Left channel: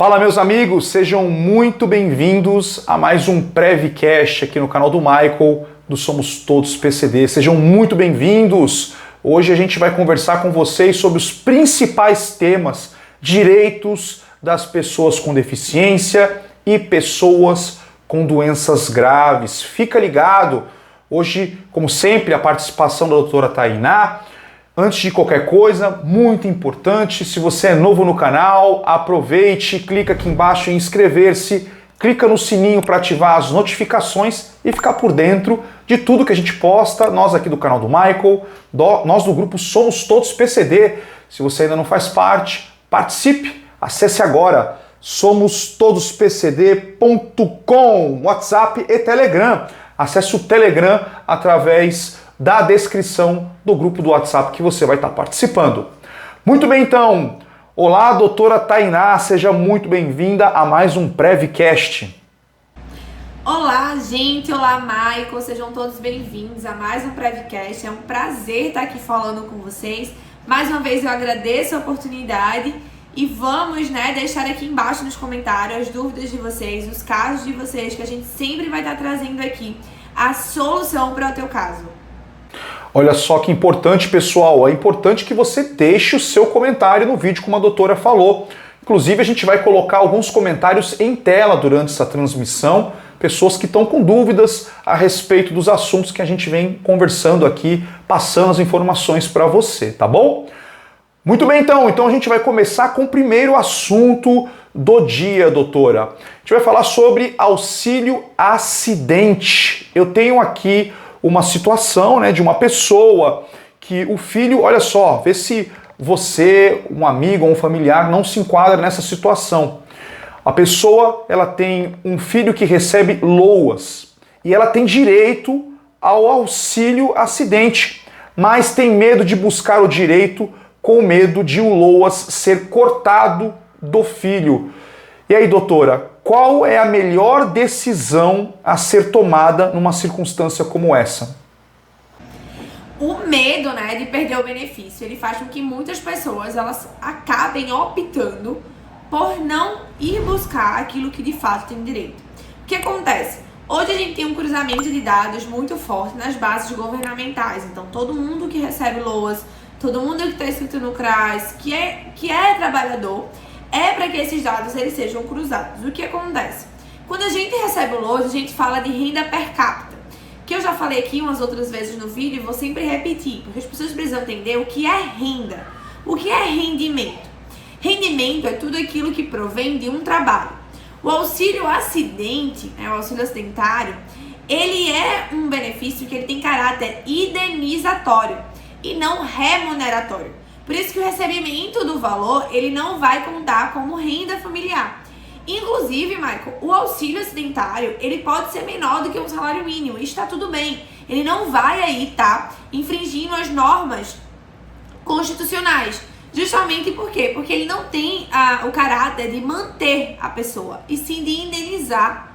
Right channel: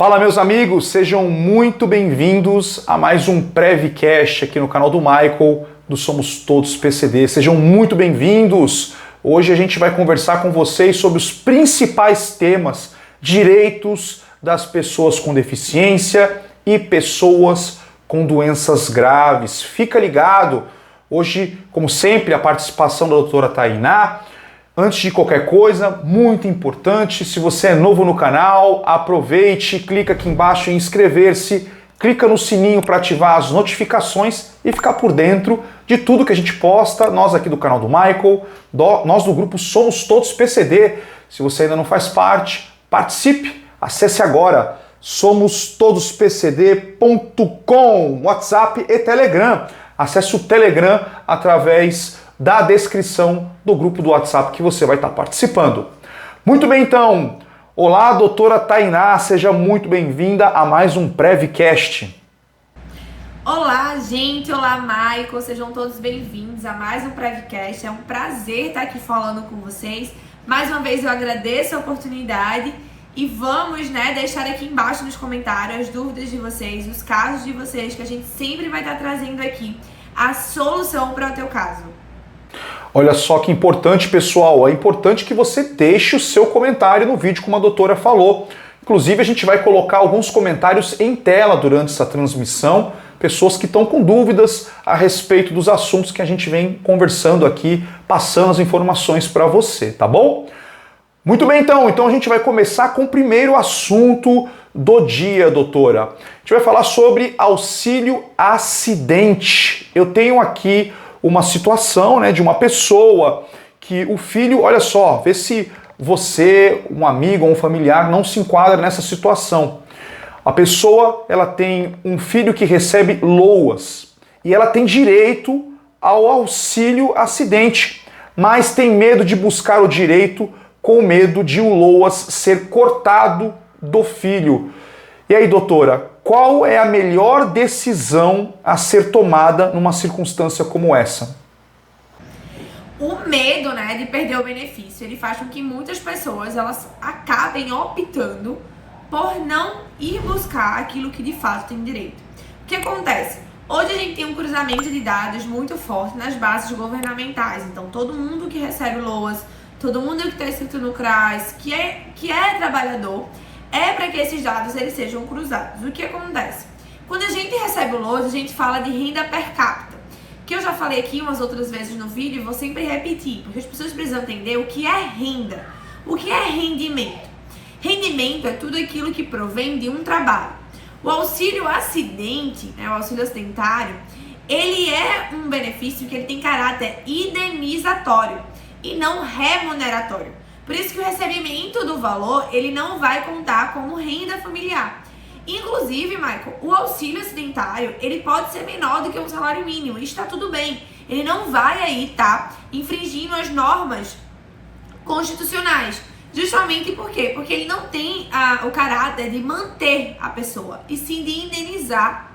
Fala, meus amigos, sejam muito bem-vindos a mais um Prevcast aqui no canal do Michael, do Somos Todos PCD. Sejam muito bem-vindos! Hoje a gente vai conversar com vocês sobre os principais temas, direitos das pessoas com deficiência e pessoas com doenças graves. Fica ligado! Hoje, como sempre, a participação da doutora Tainá. Antes de qualquer coisa, muito importante, se você é novo no canal, aproveite, clica aqui embaixo em inscrever-se, clica no sininho para ativar as notificações e ficar por dentro de tudo que a gente posta, nós aqui do canal do Michael, nós do grupo Somos Todos PCD. Se você ainda não faz parte, participe, acesse agora somostodospcd.com, WhatsApp e Telegram. Acesse o Telegram através da descrição do grupo do WhatsApp que você vai estar participando. Muito bem, então. Olá, doutora Tainá, seja muito bem-vinda a mais um Prevcast. Olá, gente. Olá, Michael. Sejam todos bem-vindos a mais um Prevcast. É um prazer estar aqui falando com vocês. Mais uma vez eu agradeço a oportunidade e vamos, deixar aqui embaixo nos comentários as dúvidas de vocês, os casos de vocês, que a gente sempre vai estar trazendo aqui a solução para o teu caso. Olha só que importante, pessoal. É importante que você deixe o seu comentário no vídeo, como a doutora falou. Inclusive, a gente vai colocar alguns comentários em tela durante essa transmissão. Pessoas que estão com dúvidas a respeito dos assuntos que a gente vem conversando aqui, passando as informações para você, tá bom? Muito bem, então. Então a gente vai começar com o primeiro assunto do dia, doutora. A gente vai falar sobre auxílio acidente. Eu tenho aqui uma situação, de uma pessoa que o filho, olha só, vê se você, um amigo ou um familiar não se enquadra nessa situação. A pessoa, ela tem um filho que recebe LOAS e ela tem direito ao auxílio acidente, mas tem medo de buscar o direito com medo de o LOAS ser cortado do filho. E aí, doutora, qual é a melhor decisão a ser tomada numa circunstância como essa? O medo, de perder o benefício, ele faz com que muitas pessoas elas acabem optando por não ir buscar aquilo que de fato tem direito. O que acontece? Hoje a gente tem um cruzamento de dados muito forte nas bases governamentais. Então, todo mundo que recebe LOAS, todo mundo que está inscrito no CRAS, que é trabalhador, é para que esses dados eles sejam cruzados. O que acontece? Quando a gente recebe o LOAS, a gente fala de renda per capita, que eu já falei aqui umas outras vezes no vídeo e vou sempre repetir, porque as pessoas precisam entender o que é renda, o que é rendimento. Rendimento é tudo aquilo que provém de um trabalho. O auxílio acidente, o auxílio acidentário, ele é um benefício que ele tem caráter indenizatório e não remuneratório. Por isso que o recebimento do valor, ele não vai contar como renda familiar. Inclusive, Michael, o auxílio acidentário, ele pode ser menor do que um salário mínimo. E está tudo bem. Ele não vai aí estar infringindo as normas constitucionais. Justamente por quê? Porque ele não tem o caráter de manter a pessoa, e sim de indenizar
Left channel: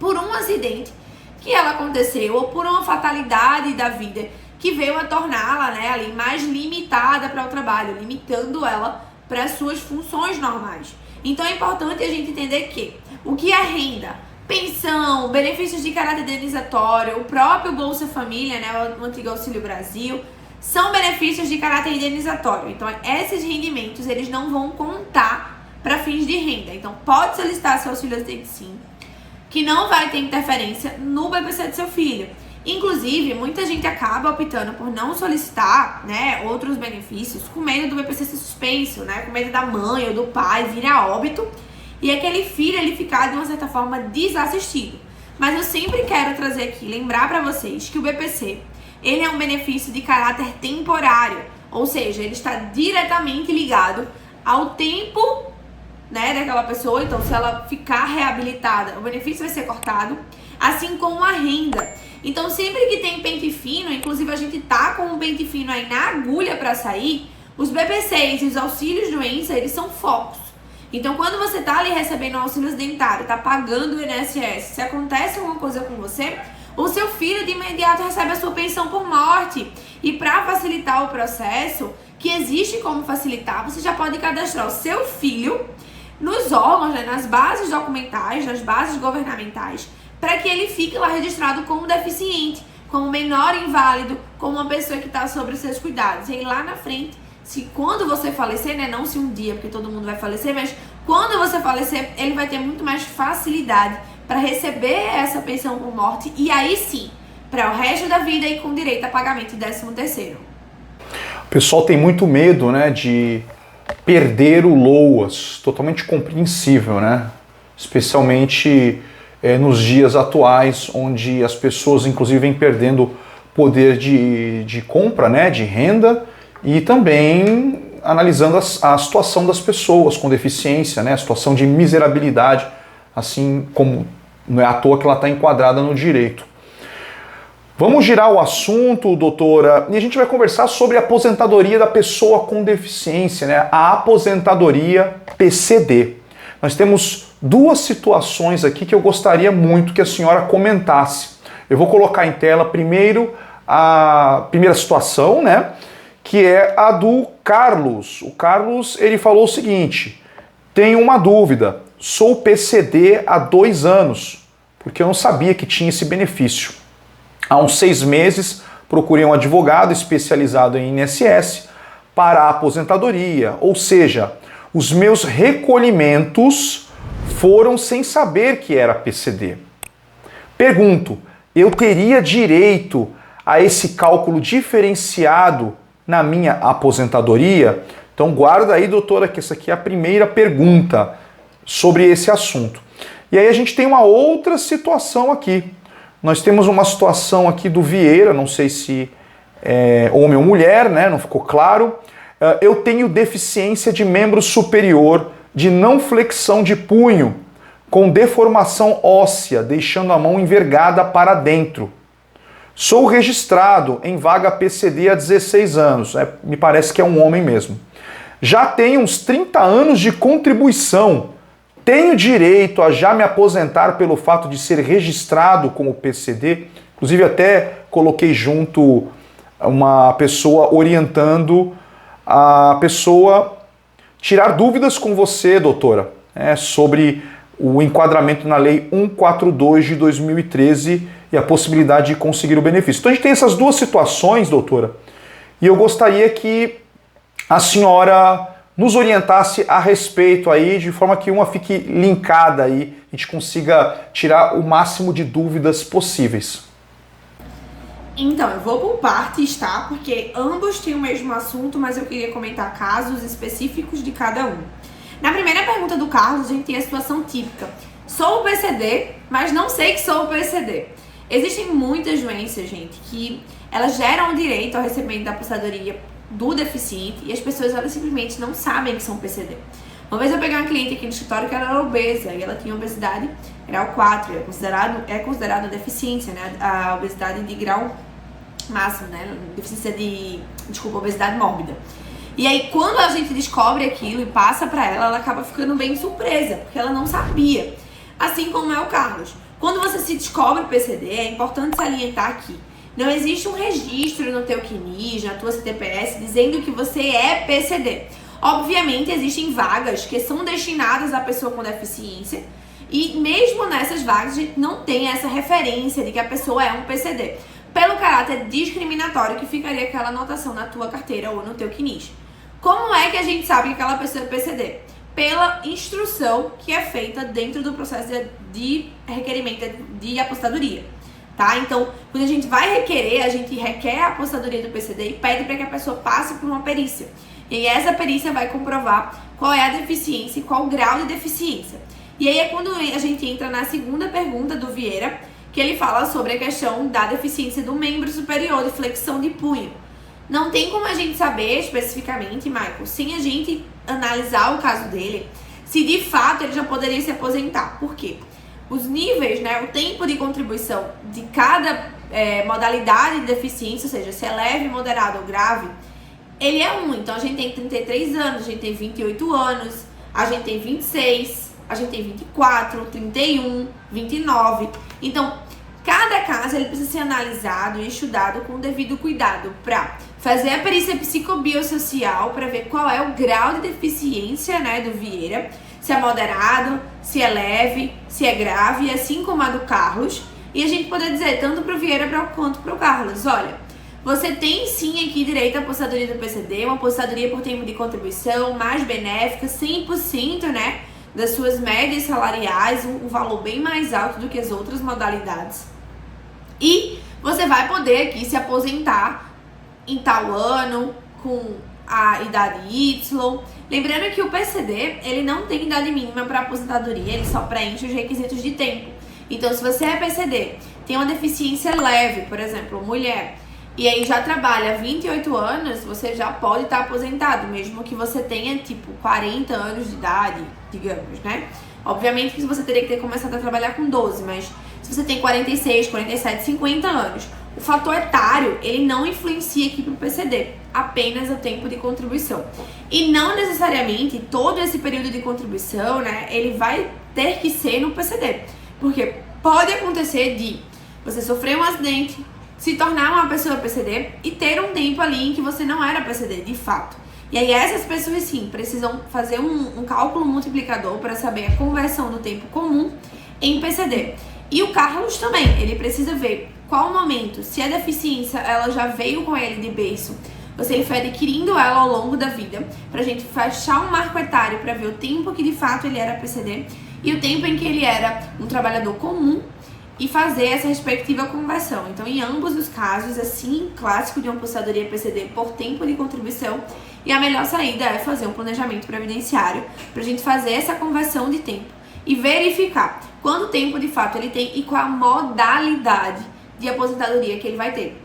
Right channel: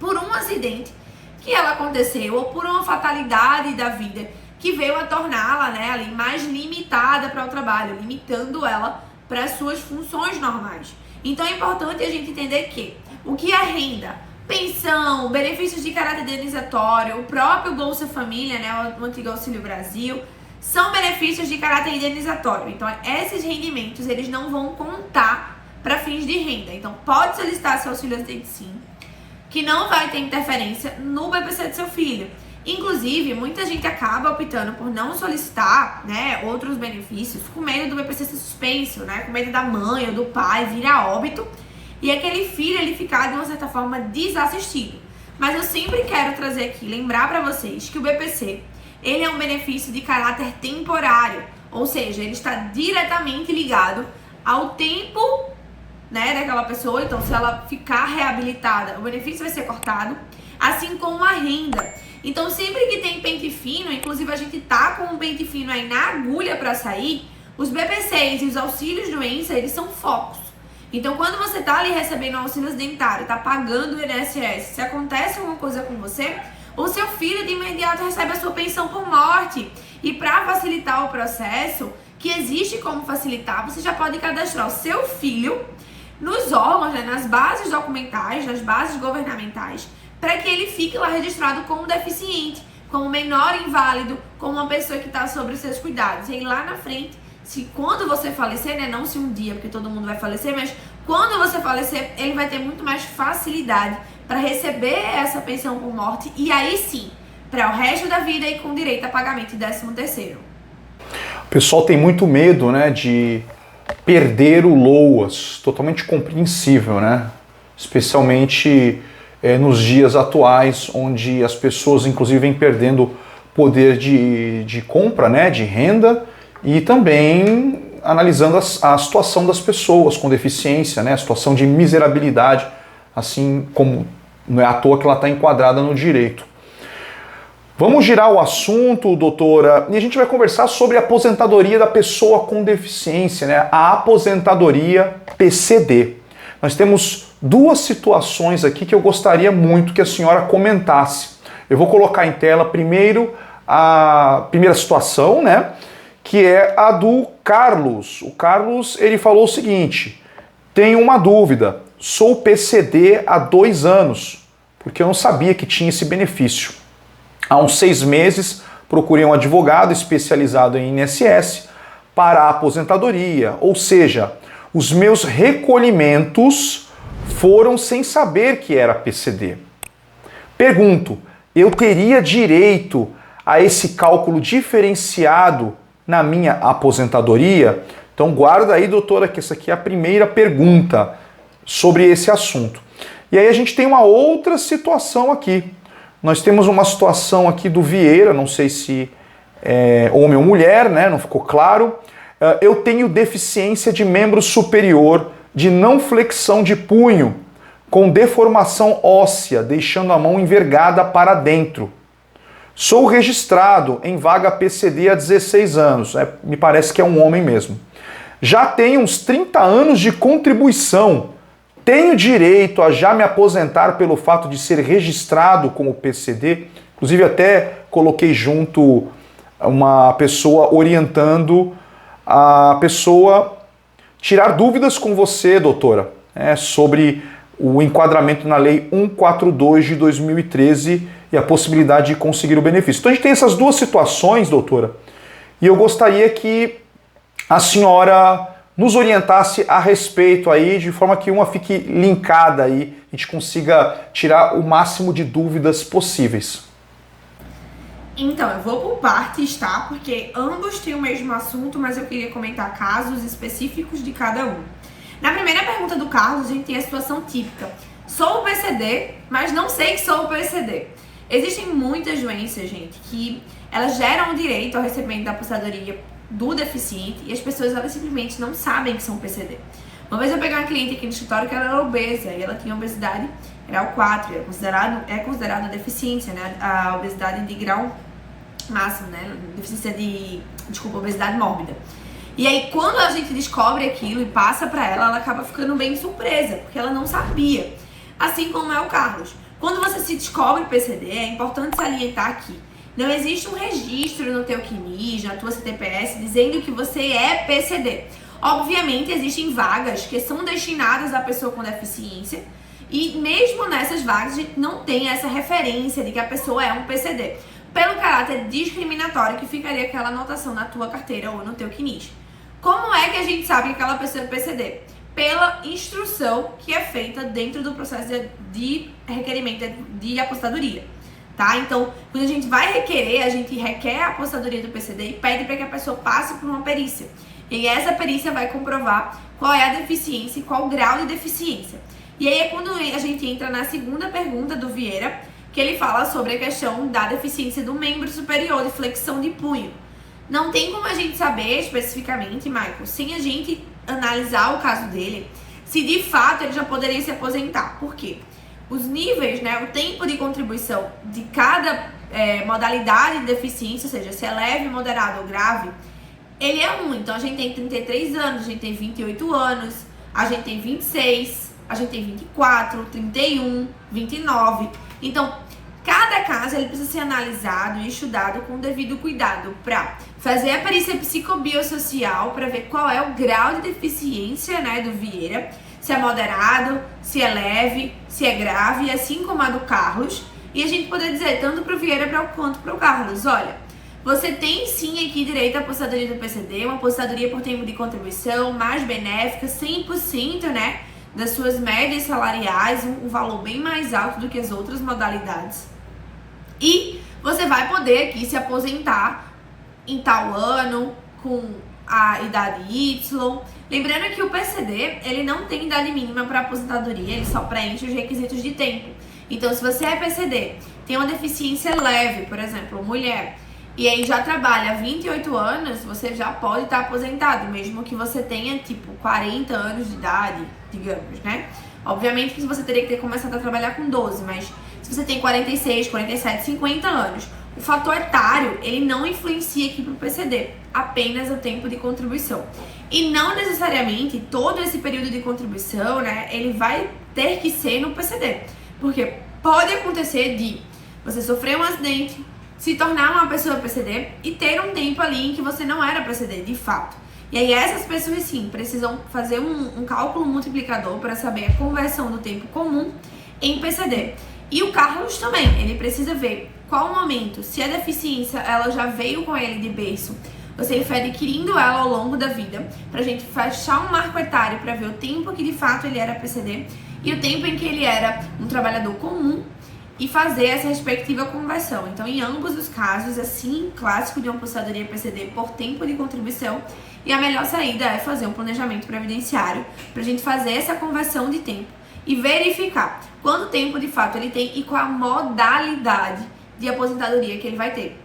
por um acidente que ela aconteceu ou por uma fatalidade da vida que veio a torná-la ali mais limitada para o trabalho, limitando ela para as suas funções normais. Então é importante a gente entender que o que é renda, pensão, benefícios de caráter indenizatório, o próprio Bolsa Família, o antigo Auxílio Brasil, são benefícios de caráter indenizatório. Então esses rendimentos eles não vão contar para fins de renda. Então pode solicitar seu auxílio acidente sim, que não vai ter interferência no BPC do seu filho. Inclusive, muita gente acaba optando por não solicitar, outros benefícios com medo do BPC ser suspenso, com medo da mãe ou do pai vir a óbito e aquele filho ele ficar de uma certa forma desassistido. Mas eu sempre quero trazer aqui, lembrar para vocês que o BPC, ele é um benefício de caráter temporário, ou seja, ele está diretamente ligado ao tempo, daquela pessoa. Então, se ela ficar reabilitada, o benefício vai ser cortado, assim como a renda. Então, sempre que tem pente fino, inclusive a gente tá com um pente fino aí na agulha para sair, os BPCs e os auxílios doença, eles são focos. Então, quando você tá ali recebendo um auxílio acidentário, tá pagando o INSS, se acontece alguma coisa com você, o seu filho de imediato recebe a sua pensão por morte. E para facilitar o processo, que existe como facilitar, você já pode cadastrar o seu filho nos órgãos, né, nas bases documentais, nas bases governamentais, para que ele fique lá registrado como deficiente, como menor inválido, como uma pessoa que está sobre os seus cuidados. E aí lá na frente, quando você falecer, né, não se um dia, porque todo mundo vai falecer, mas quando você falecer, ele vai ter muito mais facilidade para receber essa pensão por morte e aí sim, para o resto da vida e com direito a pagamento de 13º. O pessoal tem muito medo, né, de perder o LOAS, totalmente compreensível, né? Especialmente nos dias atuais, onde as pessoas inclusive vêm perdendo poder de compra, né, de renda, e também analisando a situação das pessoas com deficiência, né, a situação de miserabilidade, assim como não é à toa que ela está enquadrada no direito. Vamos girar o assunto, doutora, e a gente vai conversar sobre a aposentadoria da pessoa com deficiência, né? A aposentadoria PCD. Nós temos duas situações aqui que eu gostaria muito que a senhora comentasse. Eu vou colocar em tela primeiro a primeira situação, né? Que é a do Carlos. O Carlos, ele falou o seguinte: tenho uma dúvida, sou PCD há 2 anos, porque eu não sabia que tinha esse benefício. Há uns 6 meses, procurei um advogado especializado em INSS para a aposentadoria, ou seja, os meus recolhimentos foram sem saber que era PCD. Pergunto, eu teria direito a esse cálculo diferenciado na minha aposentadoria? Então guarda aí, doutora, que essa aqui é a primeira pergunta sobre esse assunto. E aí a gente tem uma outra situação aqui. Nós temos uma situação aqui do Vieira, não sei se é homem ou mulher, né? Não ficou claro. Eu tenho deficiência de membro superior, de não flexão de punho, com deformação óssea, deixando a mão envergada para dentro. Sou registrado em vaga PCD há 16 anos, me parece que é um homem mesmo. Já tenho uns 30 anos de contribuição. Tenho direito a já me aposentar pelo fato de ser registrado como PCD? Inclusive até coloquei junto uma pessoa orientando a pessoa tirar dúvidas com você, doutora, sobre o enquadramento na Lei 142 de 2013 e a possibilidade de conseguir o benefício. Então a gente tem essas duas situações, doutora, e eu gostaria que a senhora nos orientasse a respeito aí, de forma que uma fique linkada aí, a gente consiga tirar o máximo de dúvidas possíveis. Então, eu vou por partes, tá? Porque ambos têm o mesmo assunto, mas eu queria comentar casos específicos de cada um. Na primeira pergunta do Carlos, a gente tem a situação típica. Sou o PCD, mas não sei que sou o PCD. Existem muitas doenças, gente, que elas geram o direito ao recebimento da aposentadoria do deficiente e as pessoas elas simplesmente não sabem que são PCD. Uma vez eu peguei uma cliente aqui no escritório que ela era obesa e ela tinha obesidade grau 4, é considerada deficiência, né? A obesidade de grau máximo, né? Obesidade mórbida. E aí quando a gente descobre aquilo e passa pra ela, ela acaba ficando bem surpresa, porque ela não sabia. Assim como é o Carlos. Quando você se descobre PCD, é importante salientar aqui. Não existe um registro no teu CNIS, na tua CTPS, dizendo que você é PCD. Obviamente, existem vagas que são destinadas à pessoa com deficiência e mesmo nessas vagas a gente não tem essa referência de que a pessoa é um PCD, pelo caráter discriminatório que ficaria aquela anotação na tua carteira ou no teu CNIS. Como é que a gente sabe que aquela pessoa é PCD? Pela instrução que é feita dentro do processo de requerimento de aposentadoria. Tá? Então, quando a gente vai requerer, a gente requer a aposentadoria do PCD e pede para que a pessoa passe por uma perícia. E essa perícia vai comprovar qual é a deficiência e qual o grau de deficiência. E aí é quando a gente entra na segunda pergunta do Vieira, que ele fala sobre a questão da deficiência do membro superior de flexão de punho. Não tem como a gente saber especificamente, Michael, sem a gente analisar o caso dele, se de fato ele já poderia se aposentar. Por quê? Os níveis, né, o tempo de contribuição de cada modalidade de deficiência, ou seja, se é leve, moderado ou grave, ele é um. Então a gente tem 33 anos, a gente tem 28 anos, a gente tem 26, a gente tem 24, 31, 29. Então, cada caso ele precisa ser analisado e estudado com o devido cuidado para fazer a perícia psicobiosocial para ver qual é o grau de deficiência, né, do Vieira, se é moderado, se é leve, se é grave, assim como a do Carlos. E a gente poder dizer, tanto para o Vieira quanto para o Carlos, olha, você tem sim aqui direito à aposentadoria do PCD, uma aposentadoria por tempo de contribuição mais benéfica, 100%, né, das suas médias salariais, um valor bem mais alto do que as outras modalidades. E você vai poder aqui se aposentar em tal ano, com a idade Y. Lembrando que o PCD, ele não tem idade mínima para aposentadoria, ele só preenche os requisitos de tempo. Então, se você é PCD, tem uma deficiência leve, por exemplo, mulher, e aí já trabalha há 28 anos, você já pode estar aposentado, mesmo que você tenha, tipo, 40 anos de idade, digamos, né? Obviamente que você teria que ter começado a trabalhar com 12, mas se você tem 46, 47, 50 anos, o fator etário, ele não influencia aqui para o PCD, apenas o tempo de contribuição. E não necessariamente todo esse período de contribuição, né, ele vai ter que ser no PCD. Porque pode acontecer de você sofrer um acidente, se tornar uma pessoa PCD e ter um tempo ali em que você não era PCD, de fato. E aí essas pessoas, sim, precisam fazer um cálculo multiplicador para saber a conversão do tempo comum em PCD. E o Carlos também, ele precisa ver qual o momento, se a deficiência ela já veio com ele de berço, ou se ele foi adquirindo ela ao longo da vida, pra gente fechar um marco etário para ver o tempo que de fato ele era PCD e o tempo em que ele era um trabalhador comum e fazer essa respectiva conversão. Então, em ambos os casos, assim, clássico de uma aposentadoria PCD por tempo de contribuição, e a melhor saída é fazer um planejamento previdenciário pra gente fazer essa conversão de tempo e verificar quanto tempo de fato ele tem e qual a modalidade de aposentadoria que ele vai ter.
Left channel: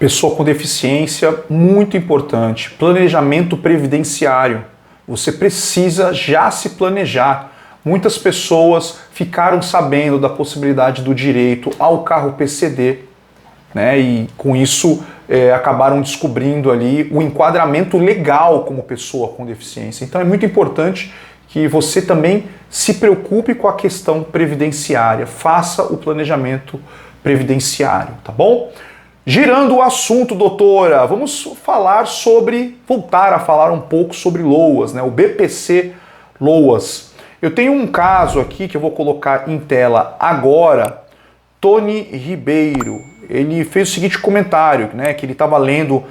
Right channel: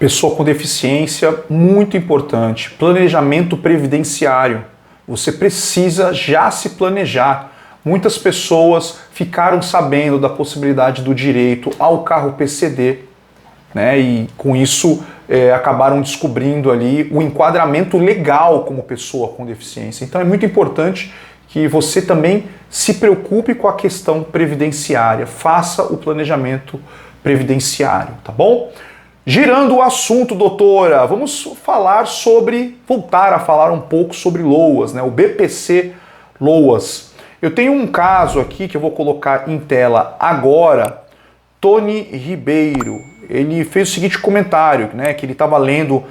Pessoa com deficiência, muito importante, planejamento previdenciário. Você precisa já se planejar. Muitas pessoas ficaram sabendo da possibilidade do direito ao carro PCD, né? E com isso acabaram descobrindo ali o enquadramento legal como pessoa com deficiência. Então é muito importante que você também se preocupe com a questão previdenciária, faça o planejamento previdenciário, tá bom? Girando o assunto, doutora, vamos voltar a falar um pouco sobre LOAS, né? O BPC LOAS. Eu tenho um caso aqui que eu vou colocar em tela agora. Tony Ribeiro, ele fez o seguinte comentário, né? Que ele estava lendo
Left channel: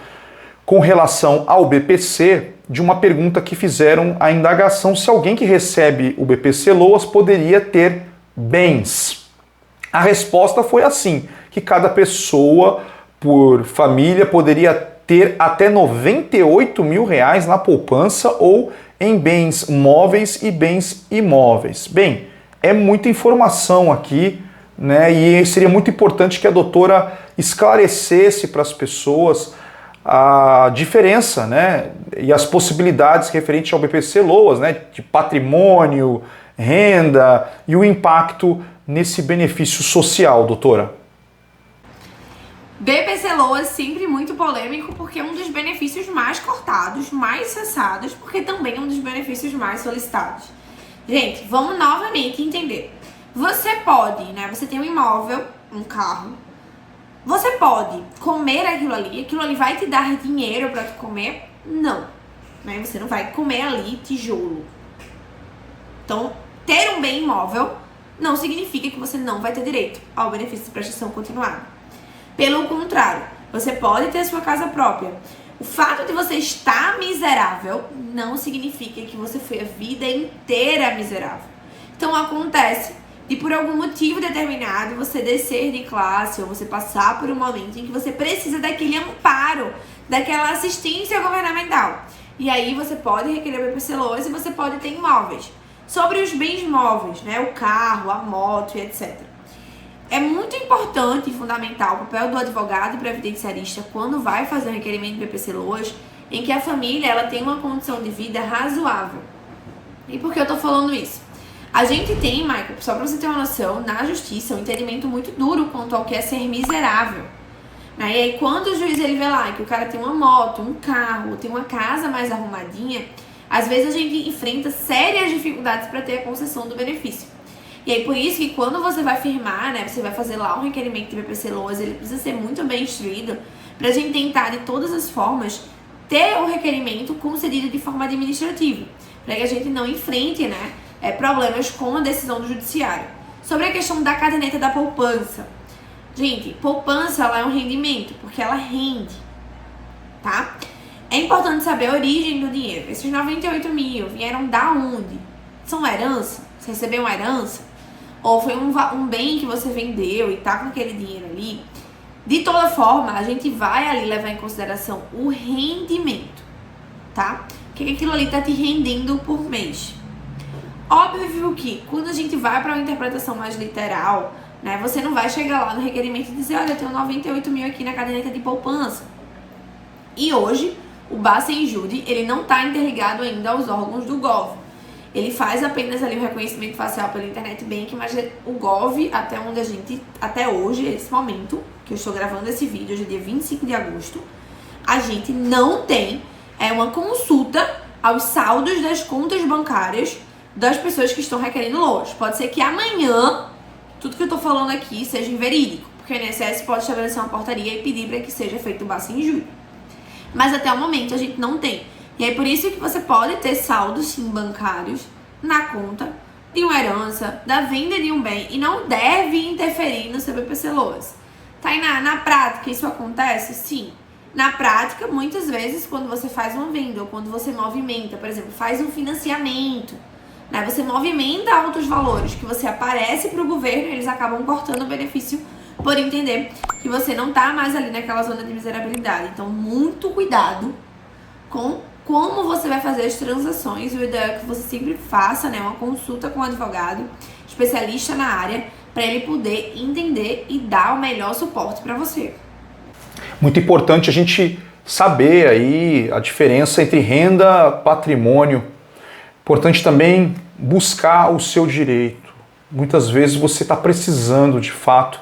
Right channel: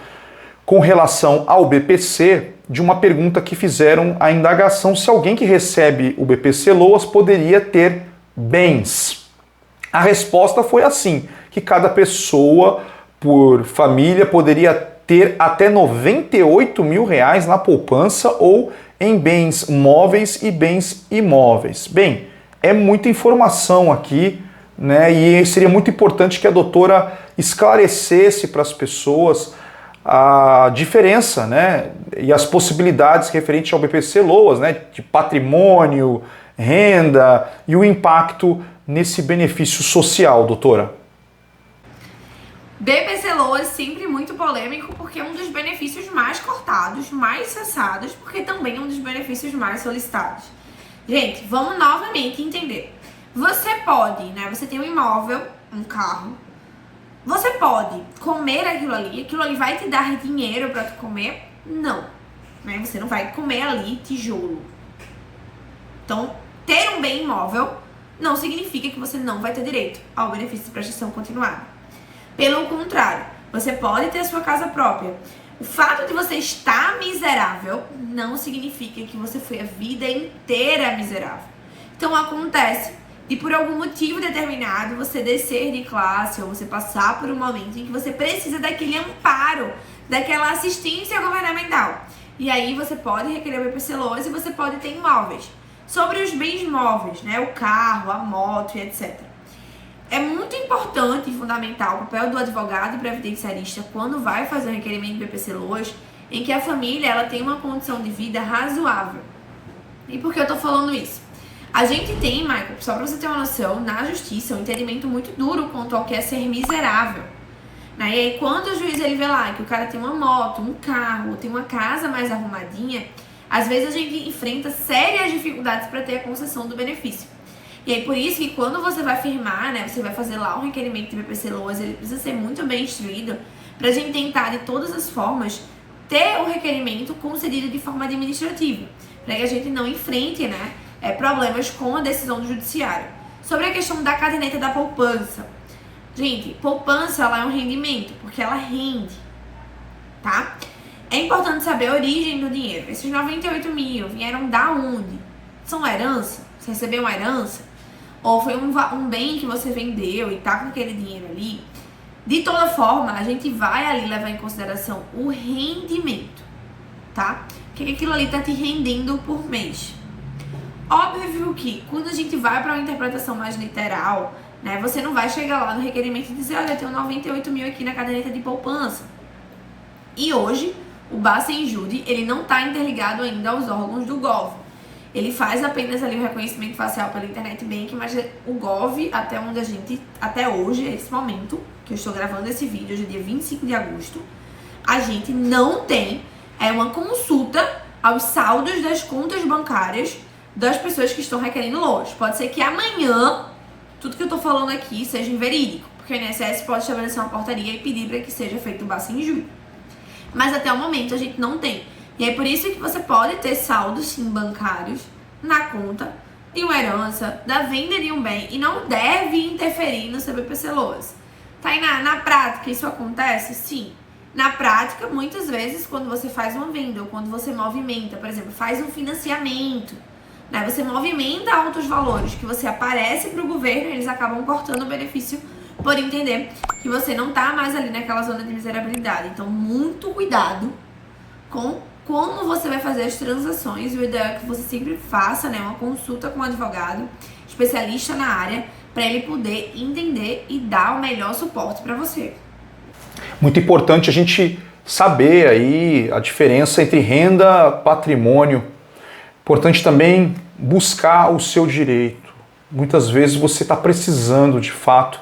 com relação ao BPC, de uma pergunta que fizeram a indagação se alguém que recebe o BPC LOAS poderia ter bens. A resposta foi assim, que cada pessoa por família poderia ter até R$98 mil na poupança ou em bens móveis e bens imóveis. Bem, é muita informação aqui, né? E seria muito importante que a doutora esclarecesse para as pessoas a diferença, né? E as possibilidades referentes ao BPC LOAS, né? De patrimônio, renda e o impacto nesse benefício social, doutora. BPC LOAS sempre muito polêmico porque é um dos benefícios mais cortados, mais cessados, porque também é um dos benefícios mais solicitados. Gente, vamos novamente entender. Você pode, né? Você tem um imóvel, um carro. Você pode comer aquilo ali vai te dar dinheiro para tu comer? Não. Né? Você não vai comer ali tijolo. Então, ter um bem imóvel não significa que você não vai ter direito ao benefício de prestação continuada. Pelo contrário, você pode ter a sua casa própria. O fato de você estar miserável não significa que você foi a vida inteira miserável. Então acontece de por algum motivo determinado você descer de classe ou você passar por um momento em que você precisa daquele amparo, daquela assistência governamental. E aí você pode requerer o BPC LOAS e você pode ter imóveis. Sobre os bens móveis, né, o carro, a moto e etc. É muito importante e fundamental o papel do advogado e previdenciarista quando vai fazer o requerimento do BPC LOAS, em que a família ela tem uma condição de vida razoável. E por que eu tô falando isso? A gente tem, Michael, só pra você ter uma noção, na justiça, um entendimento muito duro quanto ao que é ser miserável. Né? E aí, quando o juiz ele vê lá que o cara tem uma moto, um carro, tem uma casa mais arrumadinha, às vezes a gente enfrenta sérias dificuldades para ter a concessão do benefício. E aí, por isso que quando você vai firmar, né, você vai fazer lá um requerimento de BPC LOAS, ele precisa ser muito bem instruído pra gente tentar, de todas as formas, ter o requerimento concedido de forma administrativa. para que a gente não enfrente, né, problemas com a decisão do judiciário. Sobre a questão da caderneta da poupança. Gente, poupança ela é um rendimento, porque ela rende, tá? É importante saber a origem do dinheiro. Esses 98 mil vieram da onde? São herança? Você recebeu uma herança? Ou foi um bem que você vendeu e tá com aquele dinheiro ali? De toda forma, a gente vai ali levar em consideração o rendimento, tá? O que aquilo ali tá te rendendo por mês. Óbvio que quando a gente vai para uma interpretação mais literal, né, você não vai chegar lá no requerimento e dizer, olha, eu tenho 98 mil aqui na caderneta de poupança. E hoje, o Bacen-Jude, ele não está interligado ainda aos órgãos do Gov. Ele faz apenas ali o reconhecimento facial pelo Internet Bank, mas o Gov, até hoje, esse momento, que eu estou gravando esse vídeo, hoje é dia 25 de agosto, a gente não tem uma consulta aos saldos das contas bancárias das pessoas que estão requerendo LOAS. Pode ser que amanhã, tudo que eu tô falando aqui seja inverídico, porque o INSS pode estabelecer uma portaria e pedir para que seja feito o Bacen-Jude. Mas até o momento a gente não tem. E é por isso que você pode ter saldos sim bancários na conta de uma herança, da venda de um bem, e não deve interferir no seu BPC-LOAS. Tainá, na prática isso acontece? Sim. Na prática, muitas vezes, quando você faz uma venda ou quando você movimenta, por exemplo, faz um financiamento, né, você movimenta altos valores que você aparece para o governo, eles acabam cortando o benefício por entender que você não está mais ali naquela zona de miserabilidade. Então, muito cuidado com como você vai fazer as transações. O ideal é que você sempre faça, né, uma consulta com um advogado especialista na área para ele poder entender e dar o melhor suporte para você. Muito importante a gente saber aí a diferença entre renda e patrimônio. Importante também buscar o seu direito. Muitas vezes você está precisando, de fato,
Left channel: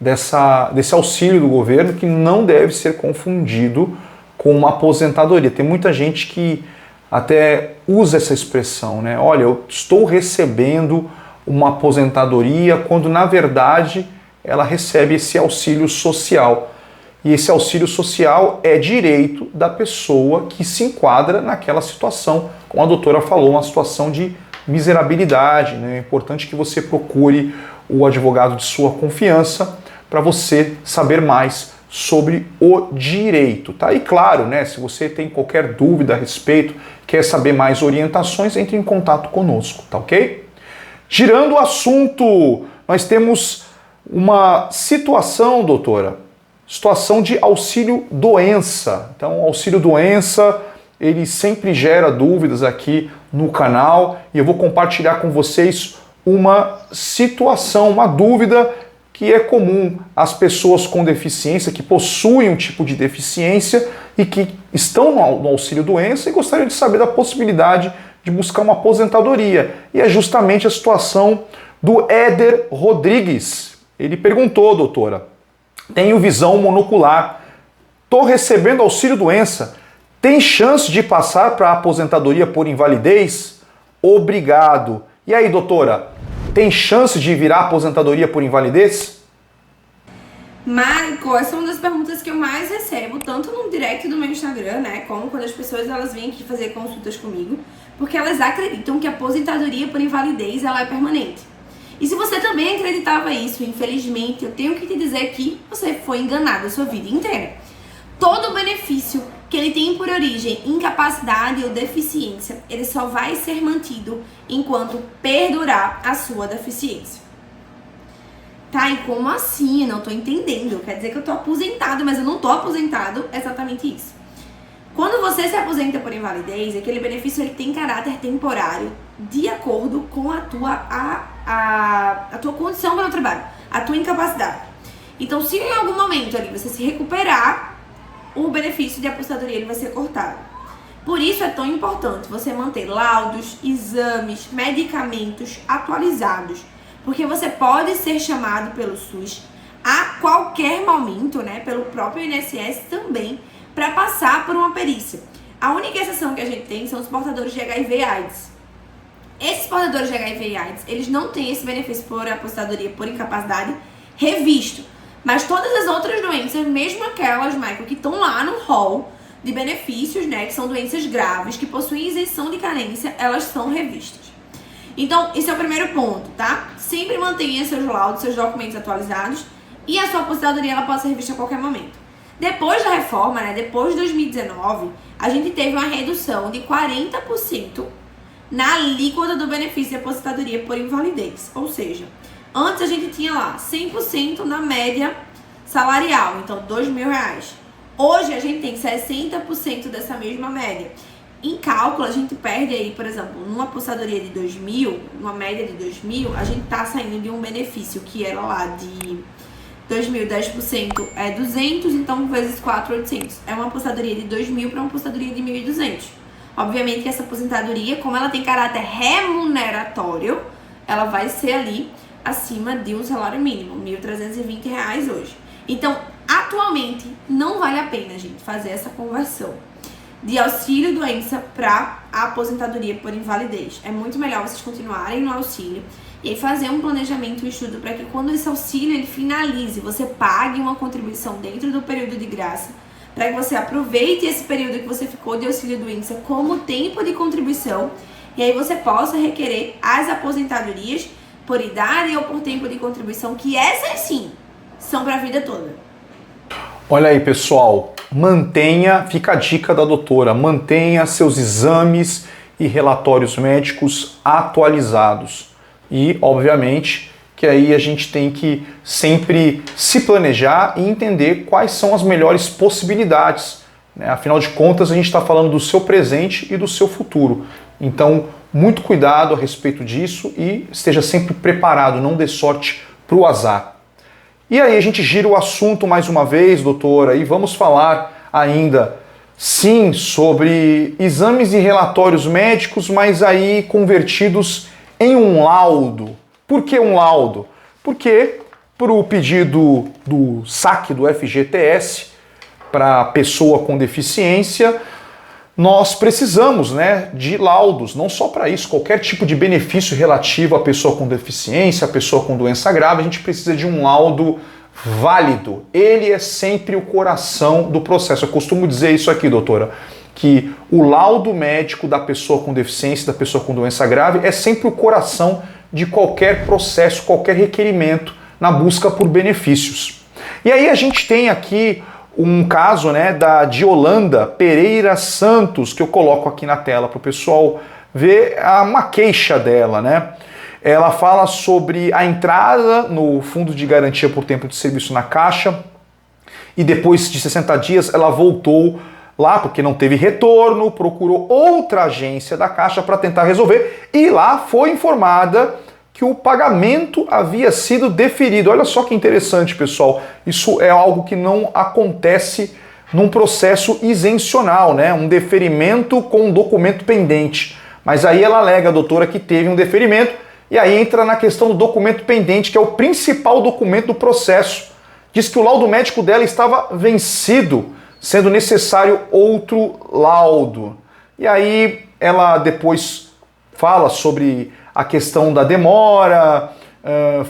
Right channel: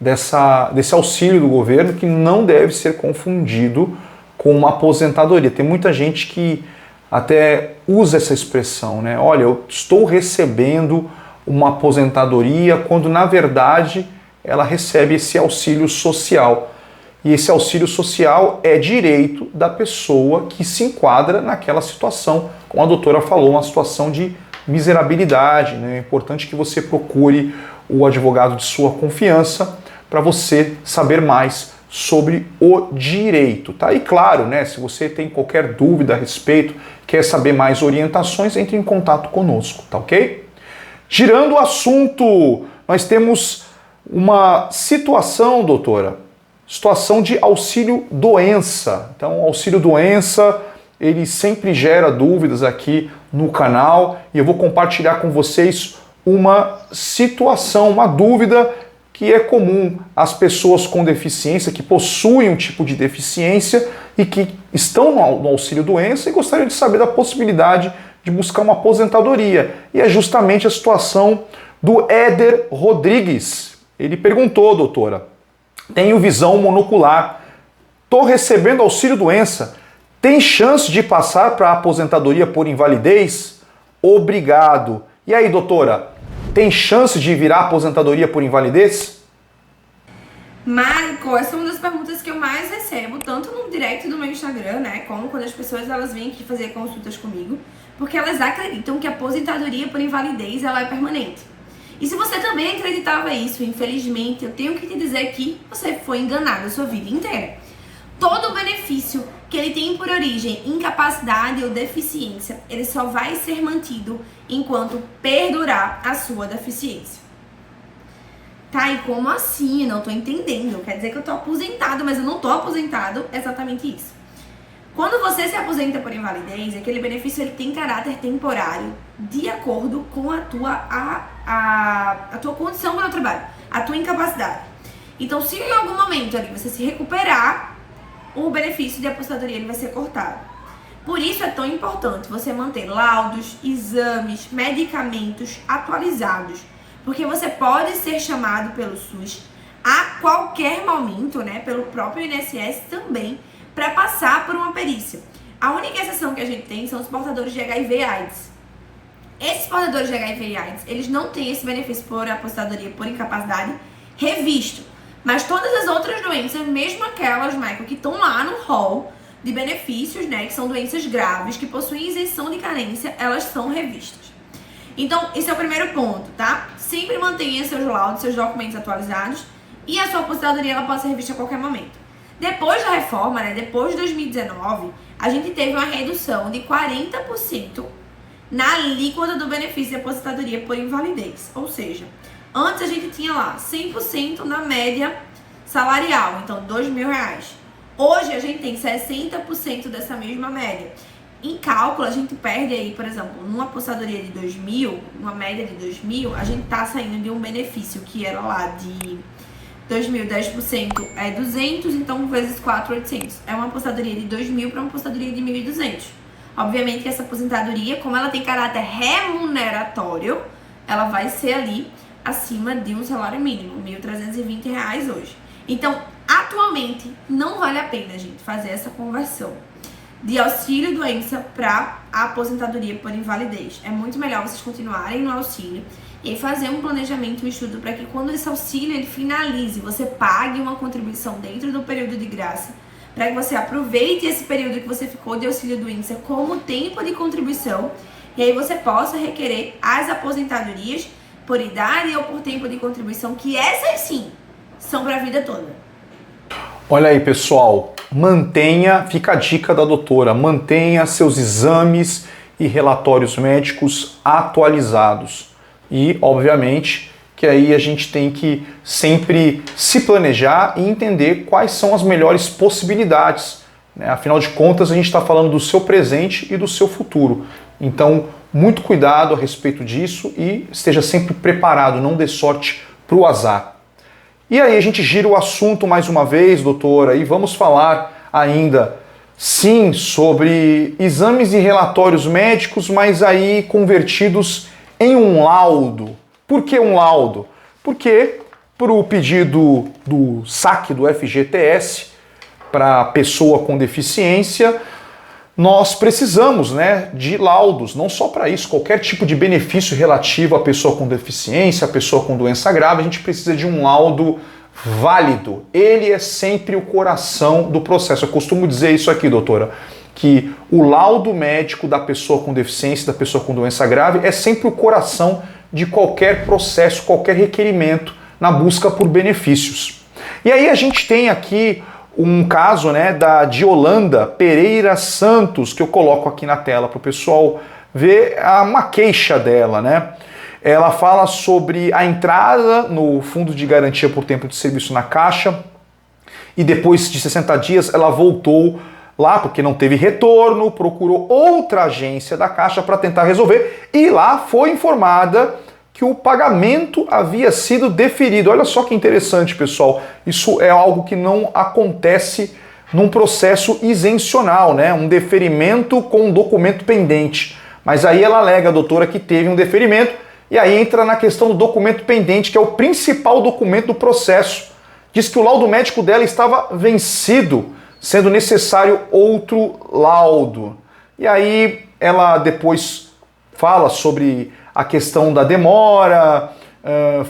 desse auxílio do governo, que não deve ser confundido com uma aposentadoria. Tem muita gente que até usa essa expressão, né? Olha, eu estou recebendo uma aposentadoria, quando na verdade ela recebe esse auxílio social. E esse auxílio social é direito da pessoa que se enquadra naquela situação, como a doutora falou, uma situação de miserabilidade, né? É importante que você procure o advogado de sua confiança para você saber mais sobre o direito, tá? E claro, né, se você tem qualquer dúvida a respeito, quer saber mais orientações, entre em contato conosco, tá ok? Girando o assunto, nós temos uma situação, doutora, situação de auxílio-doença. Então, o auxílio-doença, ele sempre gera dúvidas aqui no canal e eu vou compartilhar com vocês uma situação, uma dúvida que é comum às pessoas com deficiência, que possuem um tipo de deficiência e que estão no auxílio-doença e gostariam de saber da possibilidade de buscar uma aposentadoria. E é justamente a situação do Éder Rodrigues. Ele perguntou, doutora, tenho visão monocular, estou recebendo auxílio-doença, tem chance de passar para a aposentadoria por invalidez? Obrigado. E aí, doutora, tem chance de virar aposentadoria por invalidez? Marco, essa é uma das perguntas que eu mais recebo, tanto no direct do meu Instagram, né, como quando as pessoas elas vêm aqui fazer consultas comigo, porque elas acreditam que a aposentadoria por invalidez ela é permanente. E se você também acreditava isso, infelizmente, eu tenho que te dizer que você foi enganado a sua vida inteira. Todo o benefício que ele tem por origem incapacidade ou deficiência, ele só vai ser mantido enquanto perdurar a sua deficiência. Tá, e como assim? Eu não tô entendendo. Quer dizer que eu tô aposentado, mas eu não tô aposentado. Exatamente isso. Quando você se aposenta por invalidez, aquele benefício ele tem caráter temporário de acordo com a tua condição para o trabalho, a tua incapacidade. Então, se em algum momento ali você se recuperar, o benefício de aposentadoria ele vai ser cortado. Por isso é tão importante você manter laudos, exames, medicamentos atualizados, porque você pode ser chamado pelo SUS a qualquer momento, né, pelo próprio INSS também, para passar por uma perícia. A única exceção que a gente tem são os portadores de HIV/AIDS. Esses portadores de HIV/AIDS, eles não têm esse benefício por aposentadoria por incapacidade revisto. Mas todas as outras doenças, mesmo aquelas, Michael, que estão lá no rol, de benefícios, né, que são doenças graves, que possuem isenção de carência, elas são revistas. Então, esse é o primeiro ponto, tá? Sempre mantenha seus laudos, seus documentos atualizados e a sua aposentadoria ela pode ser revista a qualquer momento. Depois da reforma, né, depois de 2019, a gente teve uma redução de 40% na alíquota do benefício de aposentadoria por invalidez. Ou seja, antes a gente tinha lá 100% na média salarial, então R$2.000. Hoje a gente tem 60% dessa mesma média. Em cálculo, a gente perde aí, por exemplo, numa aposentadoria de 2.000, numa média de 2.000, a gente tá saindo de um benefício que era lá de 2.000, 10% é 200, então vezes 4.800. É uma aposentadoria de 2.000 para uma aposentadoria de 1.200. Obviamente que essa aposentadoria, como ela tem caráter remuneratório, ela vai ser ali acima de um salário mínimo, R$1.320 hoje. Então, atualmente, não vale a pena, gente, fazer essa conversão de auxílio-doença para a aposentadoria por invalidez. É muito melhor vocês continuarem no auxílio e fazer um planejamento, um estudo para que quando esse auxílio ele finalize, você pague uma contribuição dentro do período de graça, para que você aproveite esse período que você ficou de auxílio-doença como tempo de contribuição e aí você possa requerer as aposentadorias por idade ou por tempo de contribuição, que essas sim são para a vida toda. Olha aí, pessoal, fica a dica da doutora, mantenha seus exames e relatórios médicos atualizados. E, obviamente, que aí a gente tem que sempre se planejar e entender quais são as melhores possibilidades, né? Afinal de contas, a gente está falando do seu presente e do seu futuro. Então, muito cuidado a respeito disso e esteja sempre preparado, não dê sorte para o azar. E aí a gente gira o assunto mais uma vez, doutora, e vamos falar ainda, sim, sobre exames e relatórios médicos, mas aí convertidos em um laudo. Por que um laudo? Porque, por o pedido do saque do FGTS para pessoa com deficiência, nós precisamos, né, de laudos, não só para isso, qualquer tipo de benefício relativo à pessoa com deficiência, à pessoa com doença grave, a gente precisa de um laudo válido. Ele é sempre o coração do processo. Eu costumo dizer isso aqui, doutora, que o laudo médico da pessoa com deficiência, da pessoa com doença grave, é sempre o coração de qualquer processo, qualquer requerimento na busca por benefícios. E aí a gente tem aqui um caso, né, da Diolanda Pereira Santos, que eu coloco aqui na tela para o pessoal ver uma queixa dela, né? Ela fala sobre a entrada no Fundo de Garantia por Tempo de Serviço na Caixa e depois de 60 dias ela voltou lá porque não teve retorno, procurou outra agência da Caixa para tentar resolver e lá foi informada que o pagamento havia sido deferido. Olha só que interessante, pessoal. Isso é algo que não acontece num processo isencional, né? Um deferimento com um documento pendente. Mas aí ela alega, doutora, que teve um deferimento e aí entra na questão do documento pendente, que é o principal documento do processo. Diz que o laudo médico dela estava vencido, sendo necessário outro laudo. E aí ela depois fala sobre a questão da demora,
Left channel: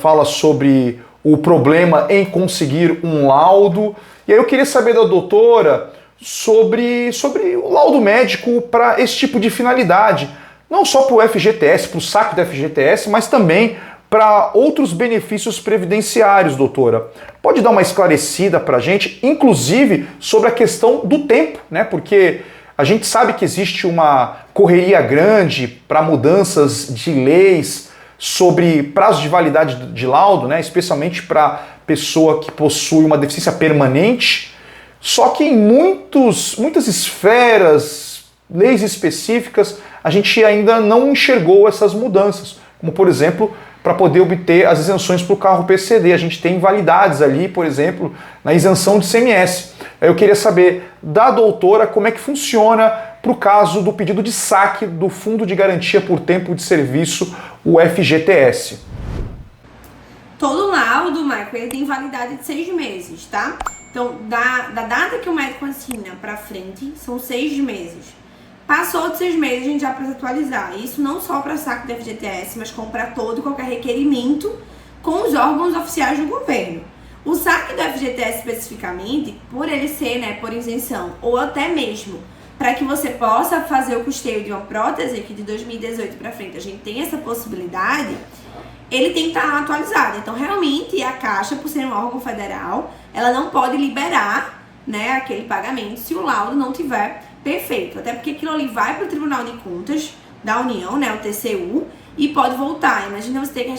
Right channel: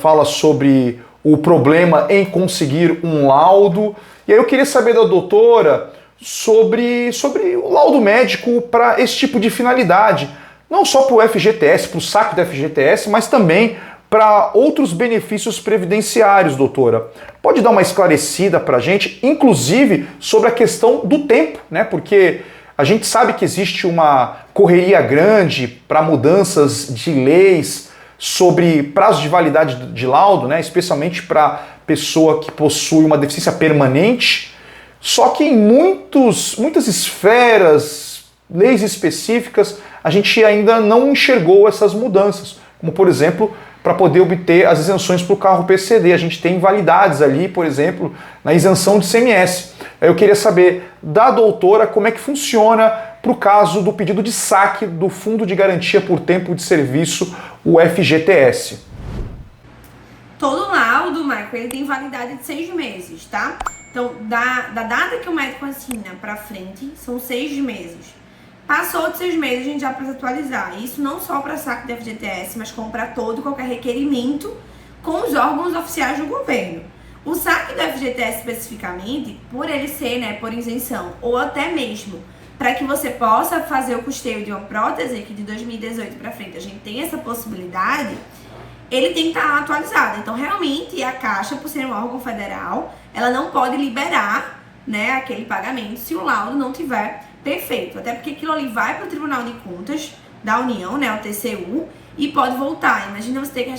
fala sobre o problema em conseguir um laudo. E aí eu queria saber da doutora sobre o laudo médico para esse tipo de finalidade. Não só para o FGTS, para o saque do FGTS, mas também para outros benefícios previdenciários, doutora. Pode dar uma esclarecida para a gente, inclusive sobre a questão do tempo, né? Porque a gente sabe que existe uma correria grande para mudanças de leis sobre prazo de validade de laudo, né? Especialmente para pessoa que possui uma deficiência permanente. Só que em muitas esferas, leis específicas, a gente ainda não enxergou essas mudanças. Como, por exemplo, para poder obter as isenções para o carro PCD. A gente tem validades ali, por exemplo, na isenção de CMS. Eu queria saber da doutora como é que funciona para o caso do pedido de saque do Fundo de Garantia por Tempo de Serviço, o FGTS. Todo laudo, Michael, ele tem validade de 6 meses, tá? Então, da data que o médico assina para frente, são 6 meses. Passou de 6 meses, a gente já precisa atualizar. Isso não só para saque do FGTS, mas como para todo e qualquer requerimento com os órgãos oficiais do governo. O saque do FGTS especificamente, por ele ser, né, por isenção, ou até mesmo para que você possa fazer o custeio de uma prótese, que de 2018 para frente a gente tem essa possibilidade, ele tem que estar atualizado. Então, realmente, a Caixa, por ser um órgão federal, ela não pode liberar, né, aquele pagamento se o laudo não tiver perfeito. Até porque aquilo ali vai para o Tribunal de Contas da União, né, o TCU, e pode voltar. Imagina você ter que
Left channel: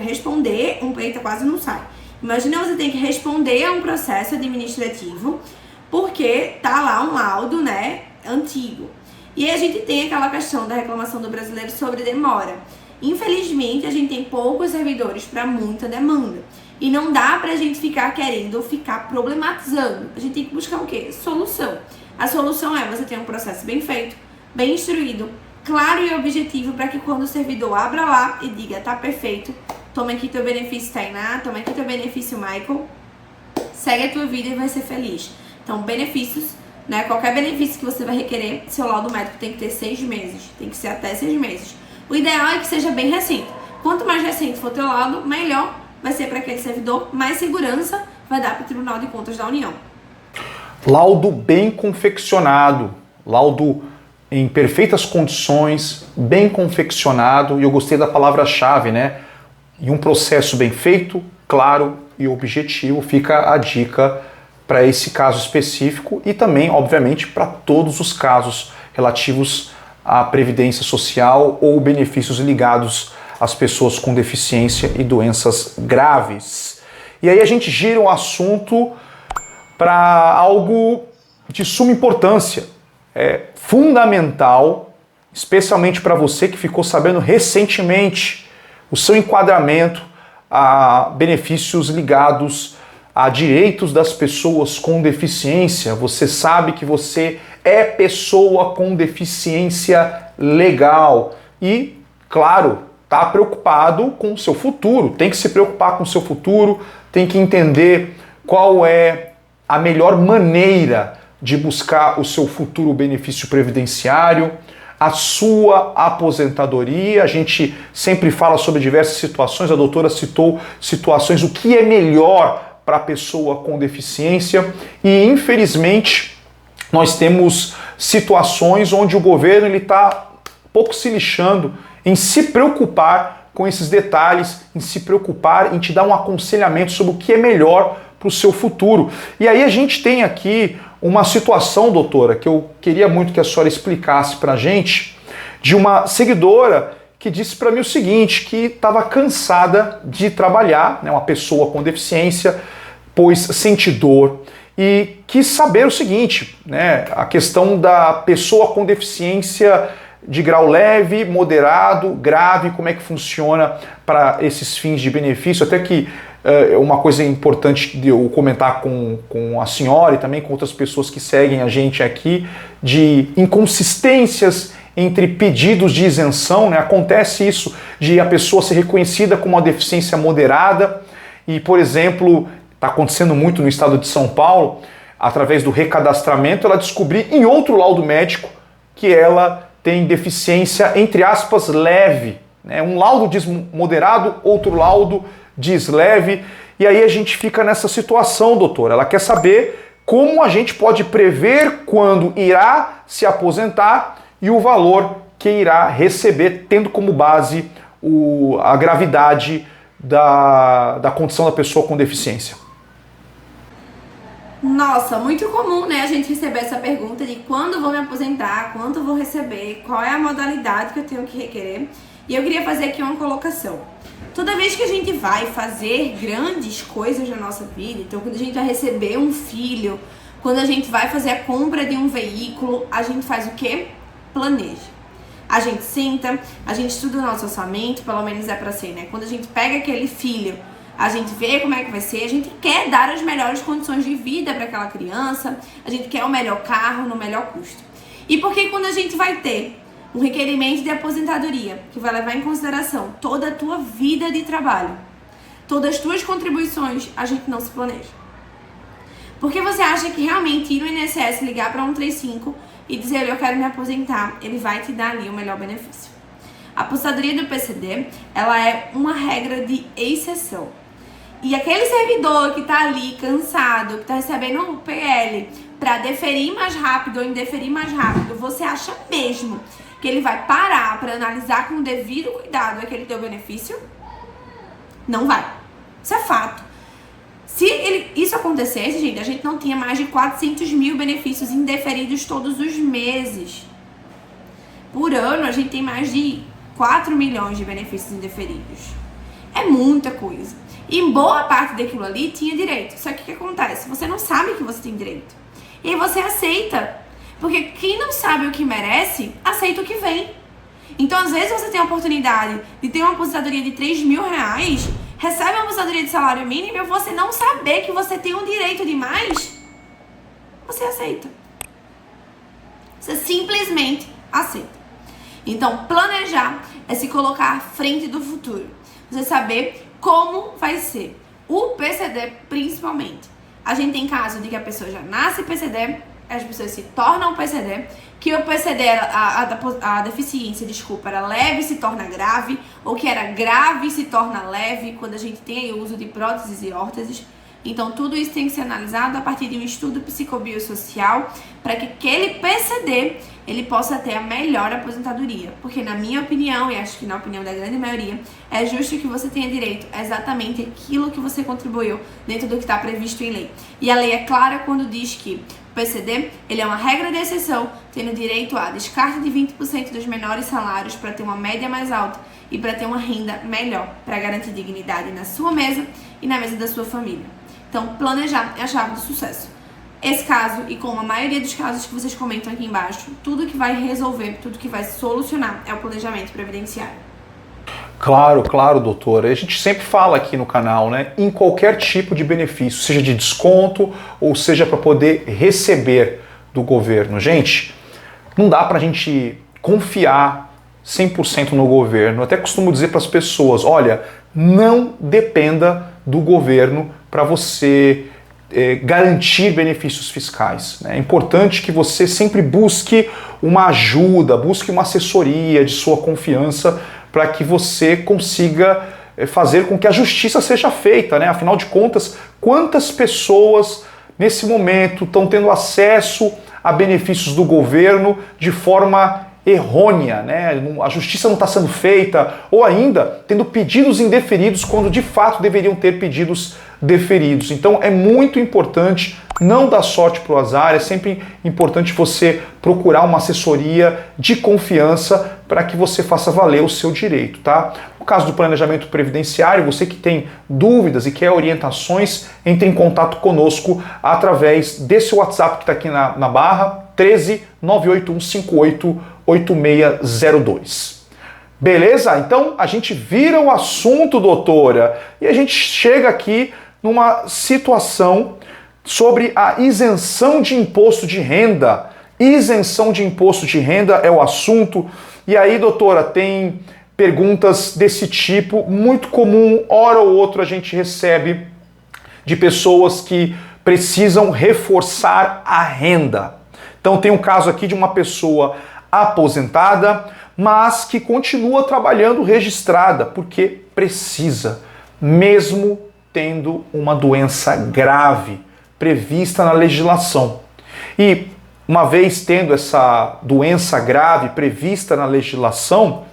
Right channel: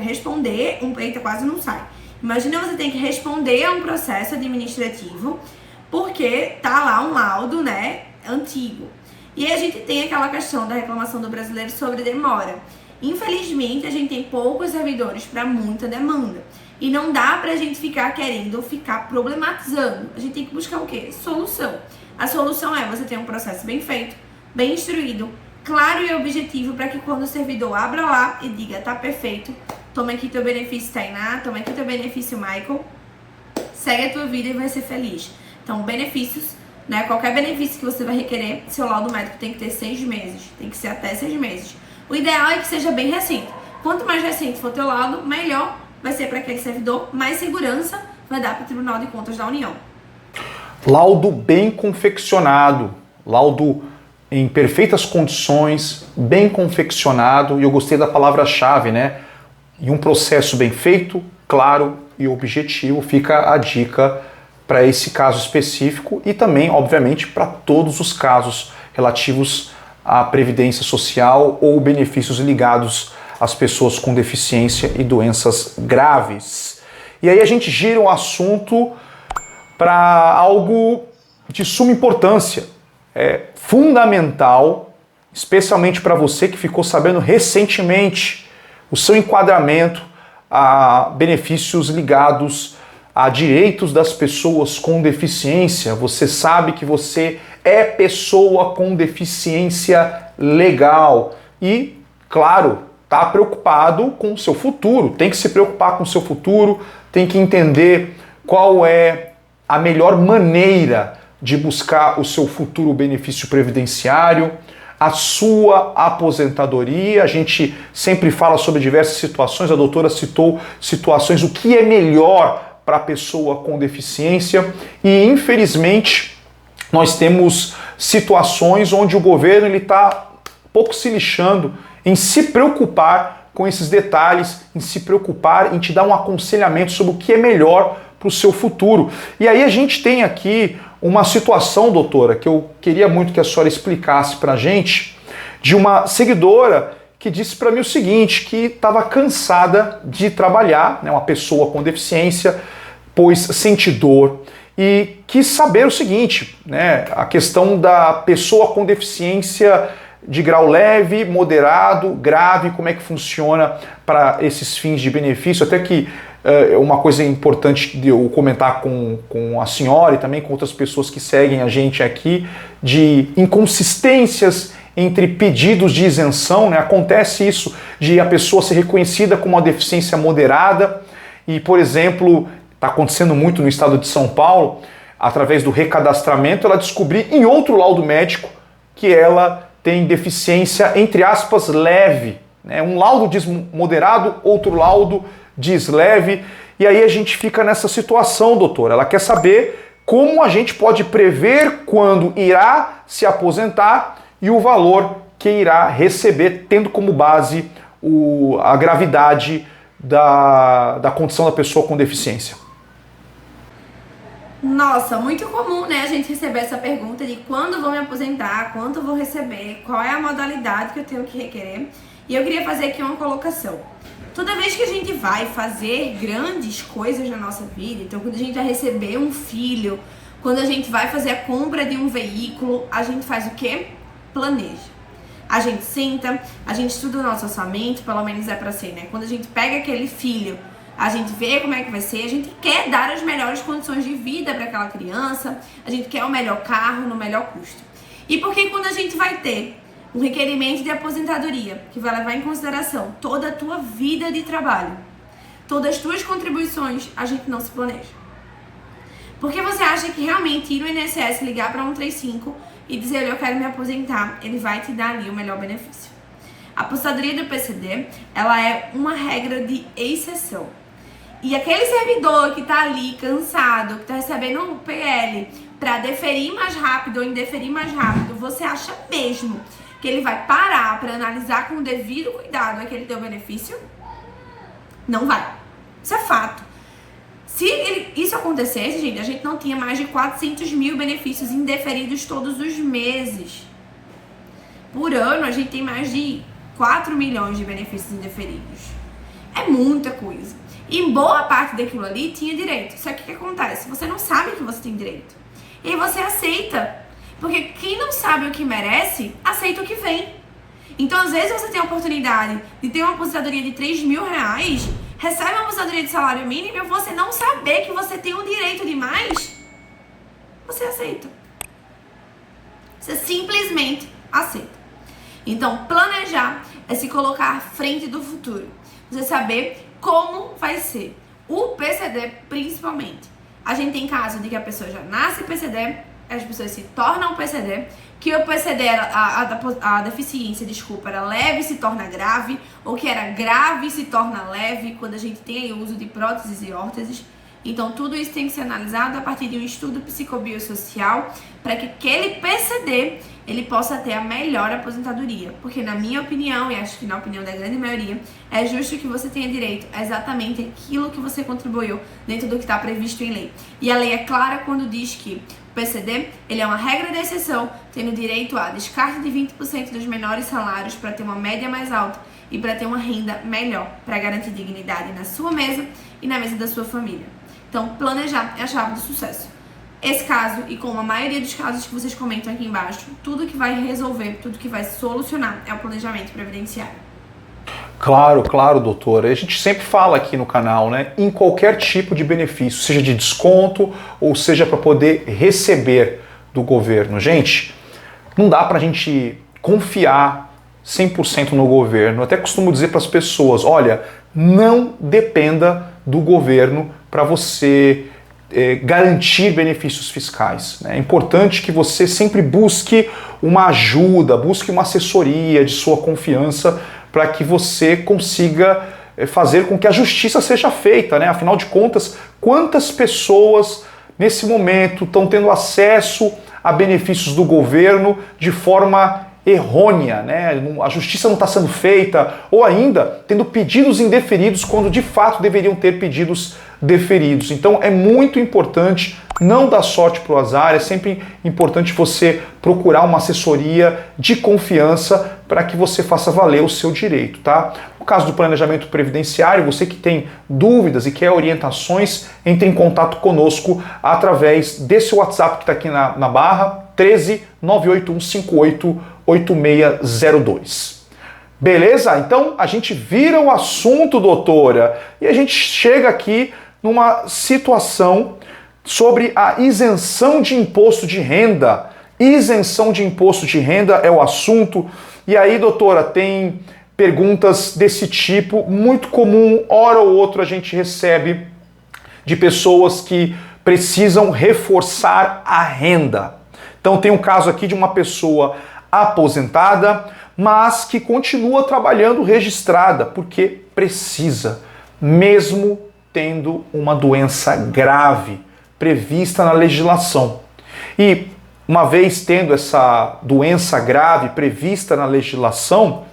responder, eita, quase não sai. Imagina você ter que responder a um processo administrativo, porque tá lá um laudo, né, antigo. E aí a gente tem aquela questão da reclamação do brasileiro sobre demora. Infelizmente, a gente tem poucos servidores para muita demanda. E não dá pra gente ficar querendo, ficar problematizando. A gente tem que buscar o quê? Solução. A solução é você ter um processo bem feito, bem instruído, claro e objetivo, para que quando o servidor abra lá e diga, tá perfeito, toma aqui teu benefício, Tainá, toma aqui teu benefício, Michael, segue a tua vida e vai ser feliz. Então, benefícios, né? Qualquer benefício que você vai requerer, seu laudo médico tem que ter 6 meses, tem que ser até 6 meses. O ideal é que seja bem recente. Quanto mais recente for teu laudo, melhor vai ser para aquele servidor, mais segurança vai dar para o Tribunal de Contas da União. Laudo bem confeccionado, laudo em perfeitas condições, bem confeccionado, e eu gostei da palavra-chave, né? E um processo bem feito, claro e objetivo, fica a dica para esse caso específico e também, obviamente, para todos os casos relativos à previdência social ou benefícios ligados às pessoas com deficiência e doenças graves. E aí a gente gira um assunto para algo de suma importância, fundamental, especialmente para você que ficou sabendo recentemente o seu enquadramento a benefícios ligados a direitos das pessoas com deficiência. Você sabe que você é pessoa com deficiência legal e, claro, está preocupado com o seu futuro, tem que se preocupar com o seu futuro, tem que entender qual é a melhor maneira de buscar o seu futuro benefício previdenciário, a sua aposentadoria. A gente sempre fala sobre diversas situações, a doutora citou situações, o que é melhor para a pessoa com deficiência, e infelizmente nós temos situações onde o governo está pouco se lixando em se preocupar com esses detalhes, em se preocupar em te dar um aconselhamento sobre o que é melhor para o seu futuro. E aí a gente tem aqui uma situação, doutora, que eu queria muito que a senhora explicasse para a gente, de uma seguidora que disse para mim o seguinte, que estava cansada de trabalhar, né, uma pessoa com deficiência, pois sente dor, e quis saber o seguinte, né, a questão da pessoa com deficiência de grau leve, moderado, grave, como é que funciona para esses fins de benefício, até que uma coisa importante de eu comentar com a senhora e também com outras pessoas que seguem a gente aqui, de inconsistências entre pedidos de isenção, né? Acontece isso de a pessoa ser reconhecida com uma deficiência moderada e, por exemplo, está acontecendo muito no estado de São Paulo, através do recadastramento, ela descobrir em outro laudo médico que ela tem deficiência, entre aspas, leve, né? Um laudo diz moderado, outro laudo diz leve, e aí a gente fica nessa situação, doutora. Ela quer saber como a gente pode prever quando irá se aposentar e o valor que irá receber, tendo como base a gravidade da condição da pessoa com deficiência. Nossa, muito comum, né, a gente receber essa pergunta de quando vou me aposentar, quanto vou receber, qual é a modalidade que eu tenho que requerer. E eu queria fazer aqui uma colocação. Toda vez que a gente vai fazer grandes coisas na nossa vida, então quando a gente vai receber um filho, quando a gente vai fazer a compra de um veículo, a gente faz o quê? Planeja. A gente senta, a gente estuda o nosso orçamento, pelo menos é pra ser, né? Quando a gente pega aquele filho, a gente vê como é que vai ser, a gente quer dar as melhores condições de vida para aquela criança, a gente quer o melhor carro no melhor custo. E por que quando a gente vai ter um requerimento de aposentadoria, que vai levar em consideração toda a tua vida de trabalho, todas as tuas contribuições, a gente não se planeja? Porque você acha que realmente ir no INSS, ligar para 135 e dizer eu quero me aposentar, ele vai te dar ali o melhor benefício? A aposentadoria do PCD, ela é uma regra de exceção. E aquele servidor que tá ali cansado, que tá recebendo um PL para deferir mais rápido ou indeferir mais rápido, você acha mesmo que ele vai parar para analisar com o devido cuidado aquele teu benefício? Não vai. Isso é fato. Se isso acontecesse, gente, a gente não tinha mais de 400 mil benefícios indeferidos todos os meses. Por ano, a gente tem mais de 4 milhões de benefícios indeferidos. É muita coisa. E boa parte daquilo ali tinha direito. Só que o que acontece? Você não sabe que você tem direito. E aí você aceita. Porque quem não sabe o que merece, aceita o que vem. Então, às vezes, você tem a oportunidade de ter uma aposentadoria de 3 mil reais, recebe uma aposentadoria de salário mínimo e você não saber que você tem um direito de mais, você aceita. Você simplesmente aceita. Então, planejar é se colocar à frente do futuro. Você saber como vai ser. O PCD, principalmente. A gente tem caso de que a pessoa já nasce PCD, as pessoas se tornam PCD, que o PCD, a deficiência, desculpa, era leve e se torna grave, ou que era grave e se torna leve quando a gente tem o uso de próteses e órteses. Então, tudo isso tem que ser analisado a partir de um estudo psicobiosocial para que aquele PCD ele possa ter a melhor aposentadoria. Porque, na minha opinião, e acho que na opinião da grande maioria, é justo que você tenha direito a exatamente aquilo que você contribuiu dentro do que está previsto em lei. E a lei é clara quando diz que o PCD ele é uma regra de exceção, tendo direito a descarte de 20% dos menores salários para ter uma média mais alta e para ter uma renda melhor, para garantir dignidade na sua mesa e na mesa da sua família. Então, planejar é a chave do sucesso. Esse caso, e como a maioria dos casos que vocês comentam aqui embaixo, tudo que vai resolver, tudo que vai solucionar é o planejamento previdenciário. Claro, claro, doutora. A gente sempre fala aqui no canal, né? Em qualquer tipo de benefício, seja de desconto ou seja para poder receber do governo. Gente, não dá pra gente confiar 100% no governo. Eu até costumo dizer para as pessoas, olha, não dependa do governo para você garantir benefícios fiscais. É importante que você sempre busque uma ajuda, busque uma assessoria de sua confiança para que você consiga fazer com que a justiça seja feita, né? Afinal de contas, quantas pessoas nesse momento estão tendo acesso a benefícios do governo de forma errônea, né? A justiça não está sendo feita, ou ainda tendo pedidos indeferidos quando de fato deveriam ter pedidos deferidos. Então é muito importante não dar sorte para o azar, é sempre importante você procurar uma assessoria de confiança para que você faça valer o seu direito, tá? No caso do planejamento previdenciário, você que tem dúvidas e quer orientações, entre em contato conosco através desse WhatsApp que está aqui na barra, 13 981 58 8602. Beleza? Então a gente vira o assunto, doutora, e a gente chega aqui numa situação sobre a isenção de imposto de renda. Isenção de imposto de renda é o assunto. E aí, doutora, tem perguntas desse tipo, muito comum, hora ou outra a gente recebe de pessoas que precisam reforçar a renda. Então tem um caso aqui de uma pessoa aposentada, mas que continua trabalhando registrada, porque precisa, mesmo tendo uma doença grave prevista na legislação. E uma vez tendo essa doença grave prevista na legislação,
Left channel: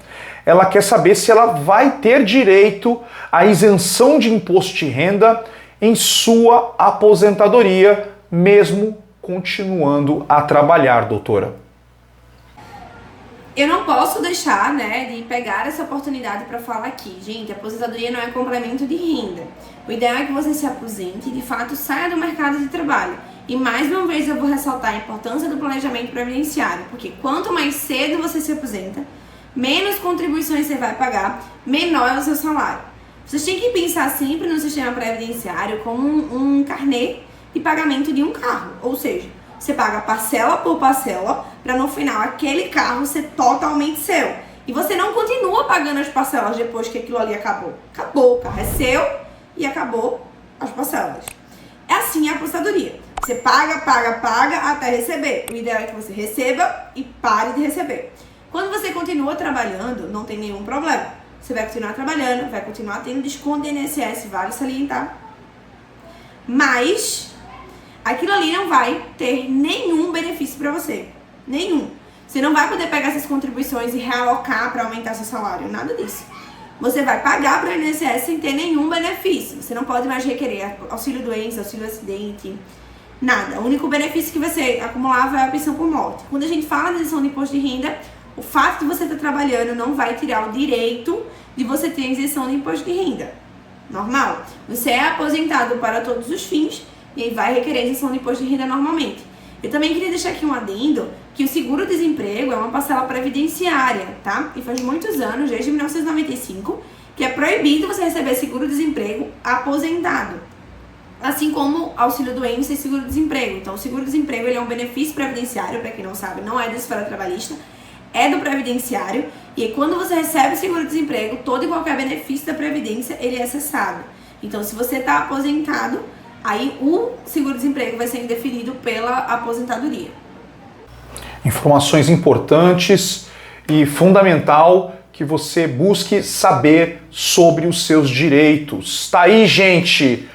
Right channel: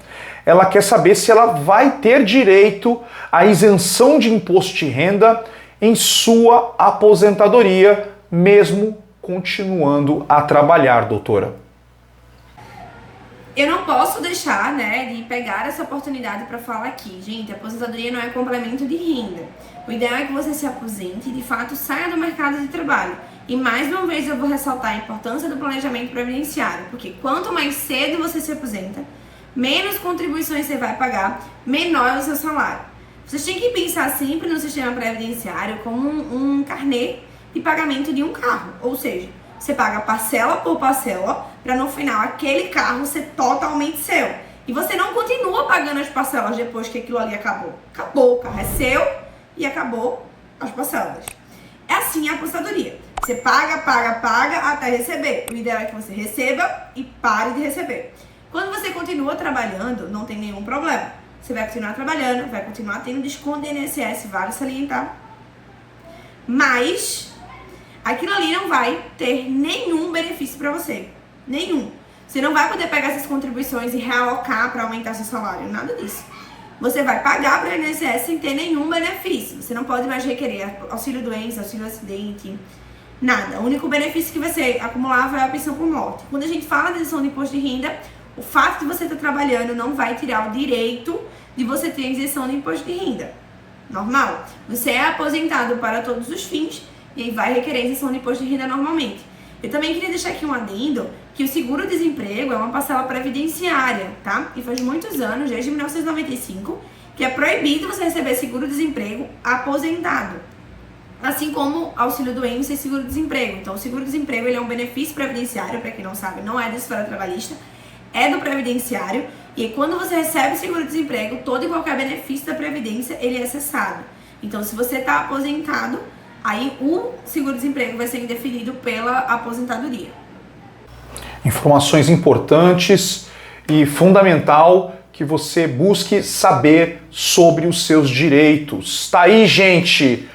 ela quer saber se ela vai ter direito à isenção de imposto de renda em sua aposentadoria, mesmo continuando a trabalhar, doutora. Eu não posso deixar, né, de pegar essa oportunidade para falar aqui. Gente, a aposentadoria não é complemento de renda. O ideal é que você se aposente e, de fato, saia do mercado de trabalho. E, mais uma vez, eu vou ressaltar a importância do planejamento previdenciário, porque quanto mais cedo você se aposenta, menos contribuições você vai pagar, menor é o seu salário. Vocês têm que pensar sempre no sistema previdenciário como um carnê de pagamento de um carro. Ou seja, você paga parcela por parcela para no final aquele carro ser totalmente seu. E você não continua pagando as parcelas depois que aquilo ali acabou. Acabou, o carro é seu e acabou as parcelas. É assim a aposentadoria. Você paga até receber. O ideal é que você receba e pare de receber. Quando você continua trabalhando, não tem nenhum problema. você vai continuar trabalhando, vai continuar tendo desconto de INSS, vale salientar. Mas aquilo ali não vai ter nenhum benefício para você. Nenhum. Você não vai poder pegar essas contribuições e realocar para aumentar seu salário. Nada disso. Você vai pagar para o INSS sem ter nenhum benefício. Você não pode mais requerer auxílio-doença, auxílio-acidente, nada. O único benefício que você acumulava é a pensão por morte. Quando a gente fala de isenção de imposto de renda, o fato de você estar trabalhando não vai tirar o direito de você ter isenção de imposto de renda. Normal. Você é aposentado para todos os fins e aí vai requerer isenção de imposto de renda normalmente. Eu também queria deixar aqui um adendo que o seguro-desemprego é uma parcela previdenciária, tá? E faz muitos anos, desde 1995, que é proibido você receber seguro-desemprego aposentado. Assim como auxílio-doença e seguro-desemprego. Então, o seguro-desemprego ele é um benefício previdenciário, para quem não sabe, não é da esfera trabalhista, é do previdenciário. E quando você recebe seguro-desemprego, todo e qualquer benefício da previdência, ele é cessado. Então, se você está aposentado, aí o seguro-desemprego vai ser indeferido pela aposentadoria. Informações importantes e fundamental que você busque saber sobre os seus direitos. Tá aí, gente!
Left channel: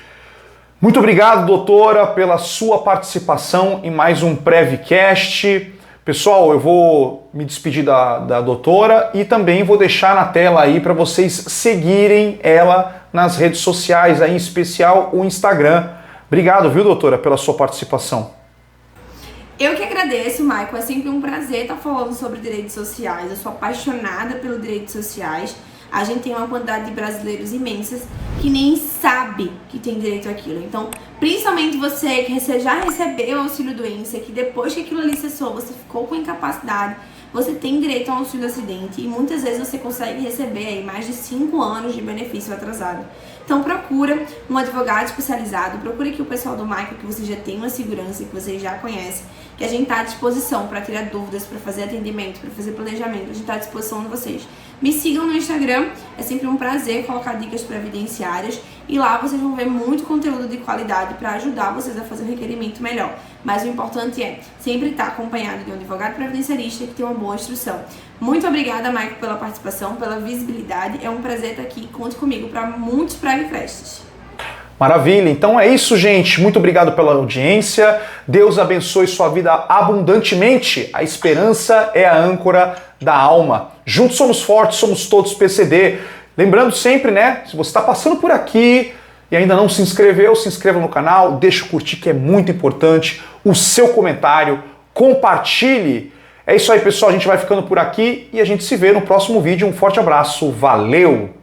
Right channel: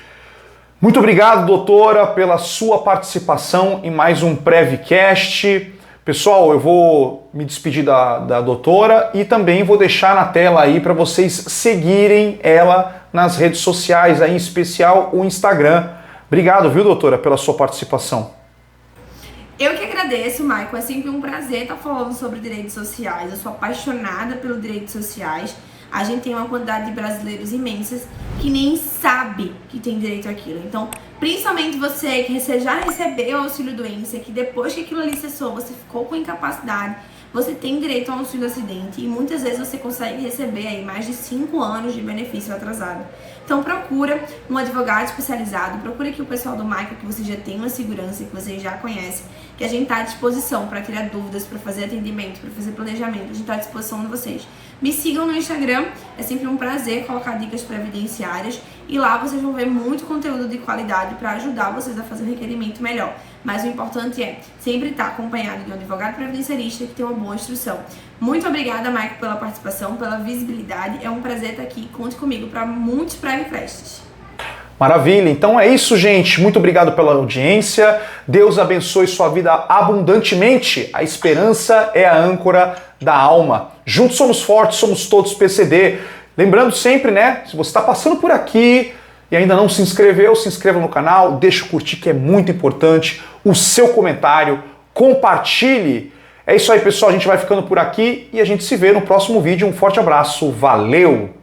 Muito obrigado, doutora, pela sua participação em mais um Prevcast. Pessoal, eu vou me despedir da doutora e também vou deixar na tela aí para vocês seguirem ela nas redes sociais, aí em especial o Instagram. Obrigado, viu, doutora, pela sua participação. Eu que agradeço, Michael. É sempre um prazer estar falando sobre direitos sociais. Eu sou apaixonada pelos direitos sociais. A gente tem uma quantidade de brasileiros imensas que nem sabe que tem direito àquilo. Então, principalmente você que já recebeu auxílio-doença, que depois que aquilo ali cessou, você ficou com incapacidade, você tem direito ao auxílio-acidente e muitas vezes você consegue receber aí mais de 5 anos de benefício atrasado. Então procura um advogado especializado, procura aqui o pessoal do Michael, que você já tem uma segurança, que você já conhece, que a gente está à disposição para tirar dúvidas, para fazer atendimento, para fazer planejamento, a gente está à disposição de vocês. Me sigam no Instagram, é sempre um prazer colocar dicas previdenciárias e lá vocês vão ver muito conteúdo de qualidade para ajudar vocês a fazer um requerimento melhor. Mas o importante é sempre estar acompanhado de um advogado previdenciarista que tem uma boa instrução. Muito obrigada, Michael, pela participação, pela visibilidade. É um prazer estar aqui. Conte comigo para muitos Prevcasts. Maravilha, então é isso, gente. Muito obrigado pela audiência. Deus abençoe sua vida abundantemente. A esperança é a âncora da alma. Juntos somos fortes, somos todos PCD. Lembrando sempre, né, se você está passando por aqui e ainda não se inscreveu, se inscreva no canal, deixa o curtir que é muito importante, o seu comentário, compartilhe. É isso aí, pessoal, a gente vai ficando por aqui e a gente se vê no próximo vídeo. Um forte abraço, valeu!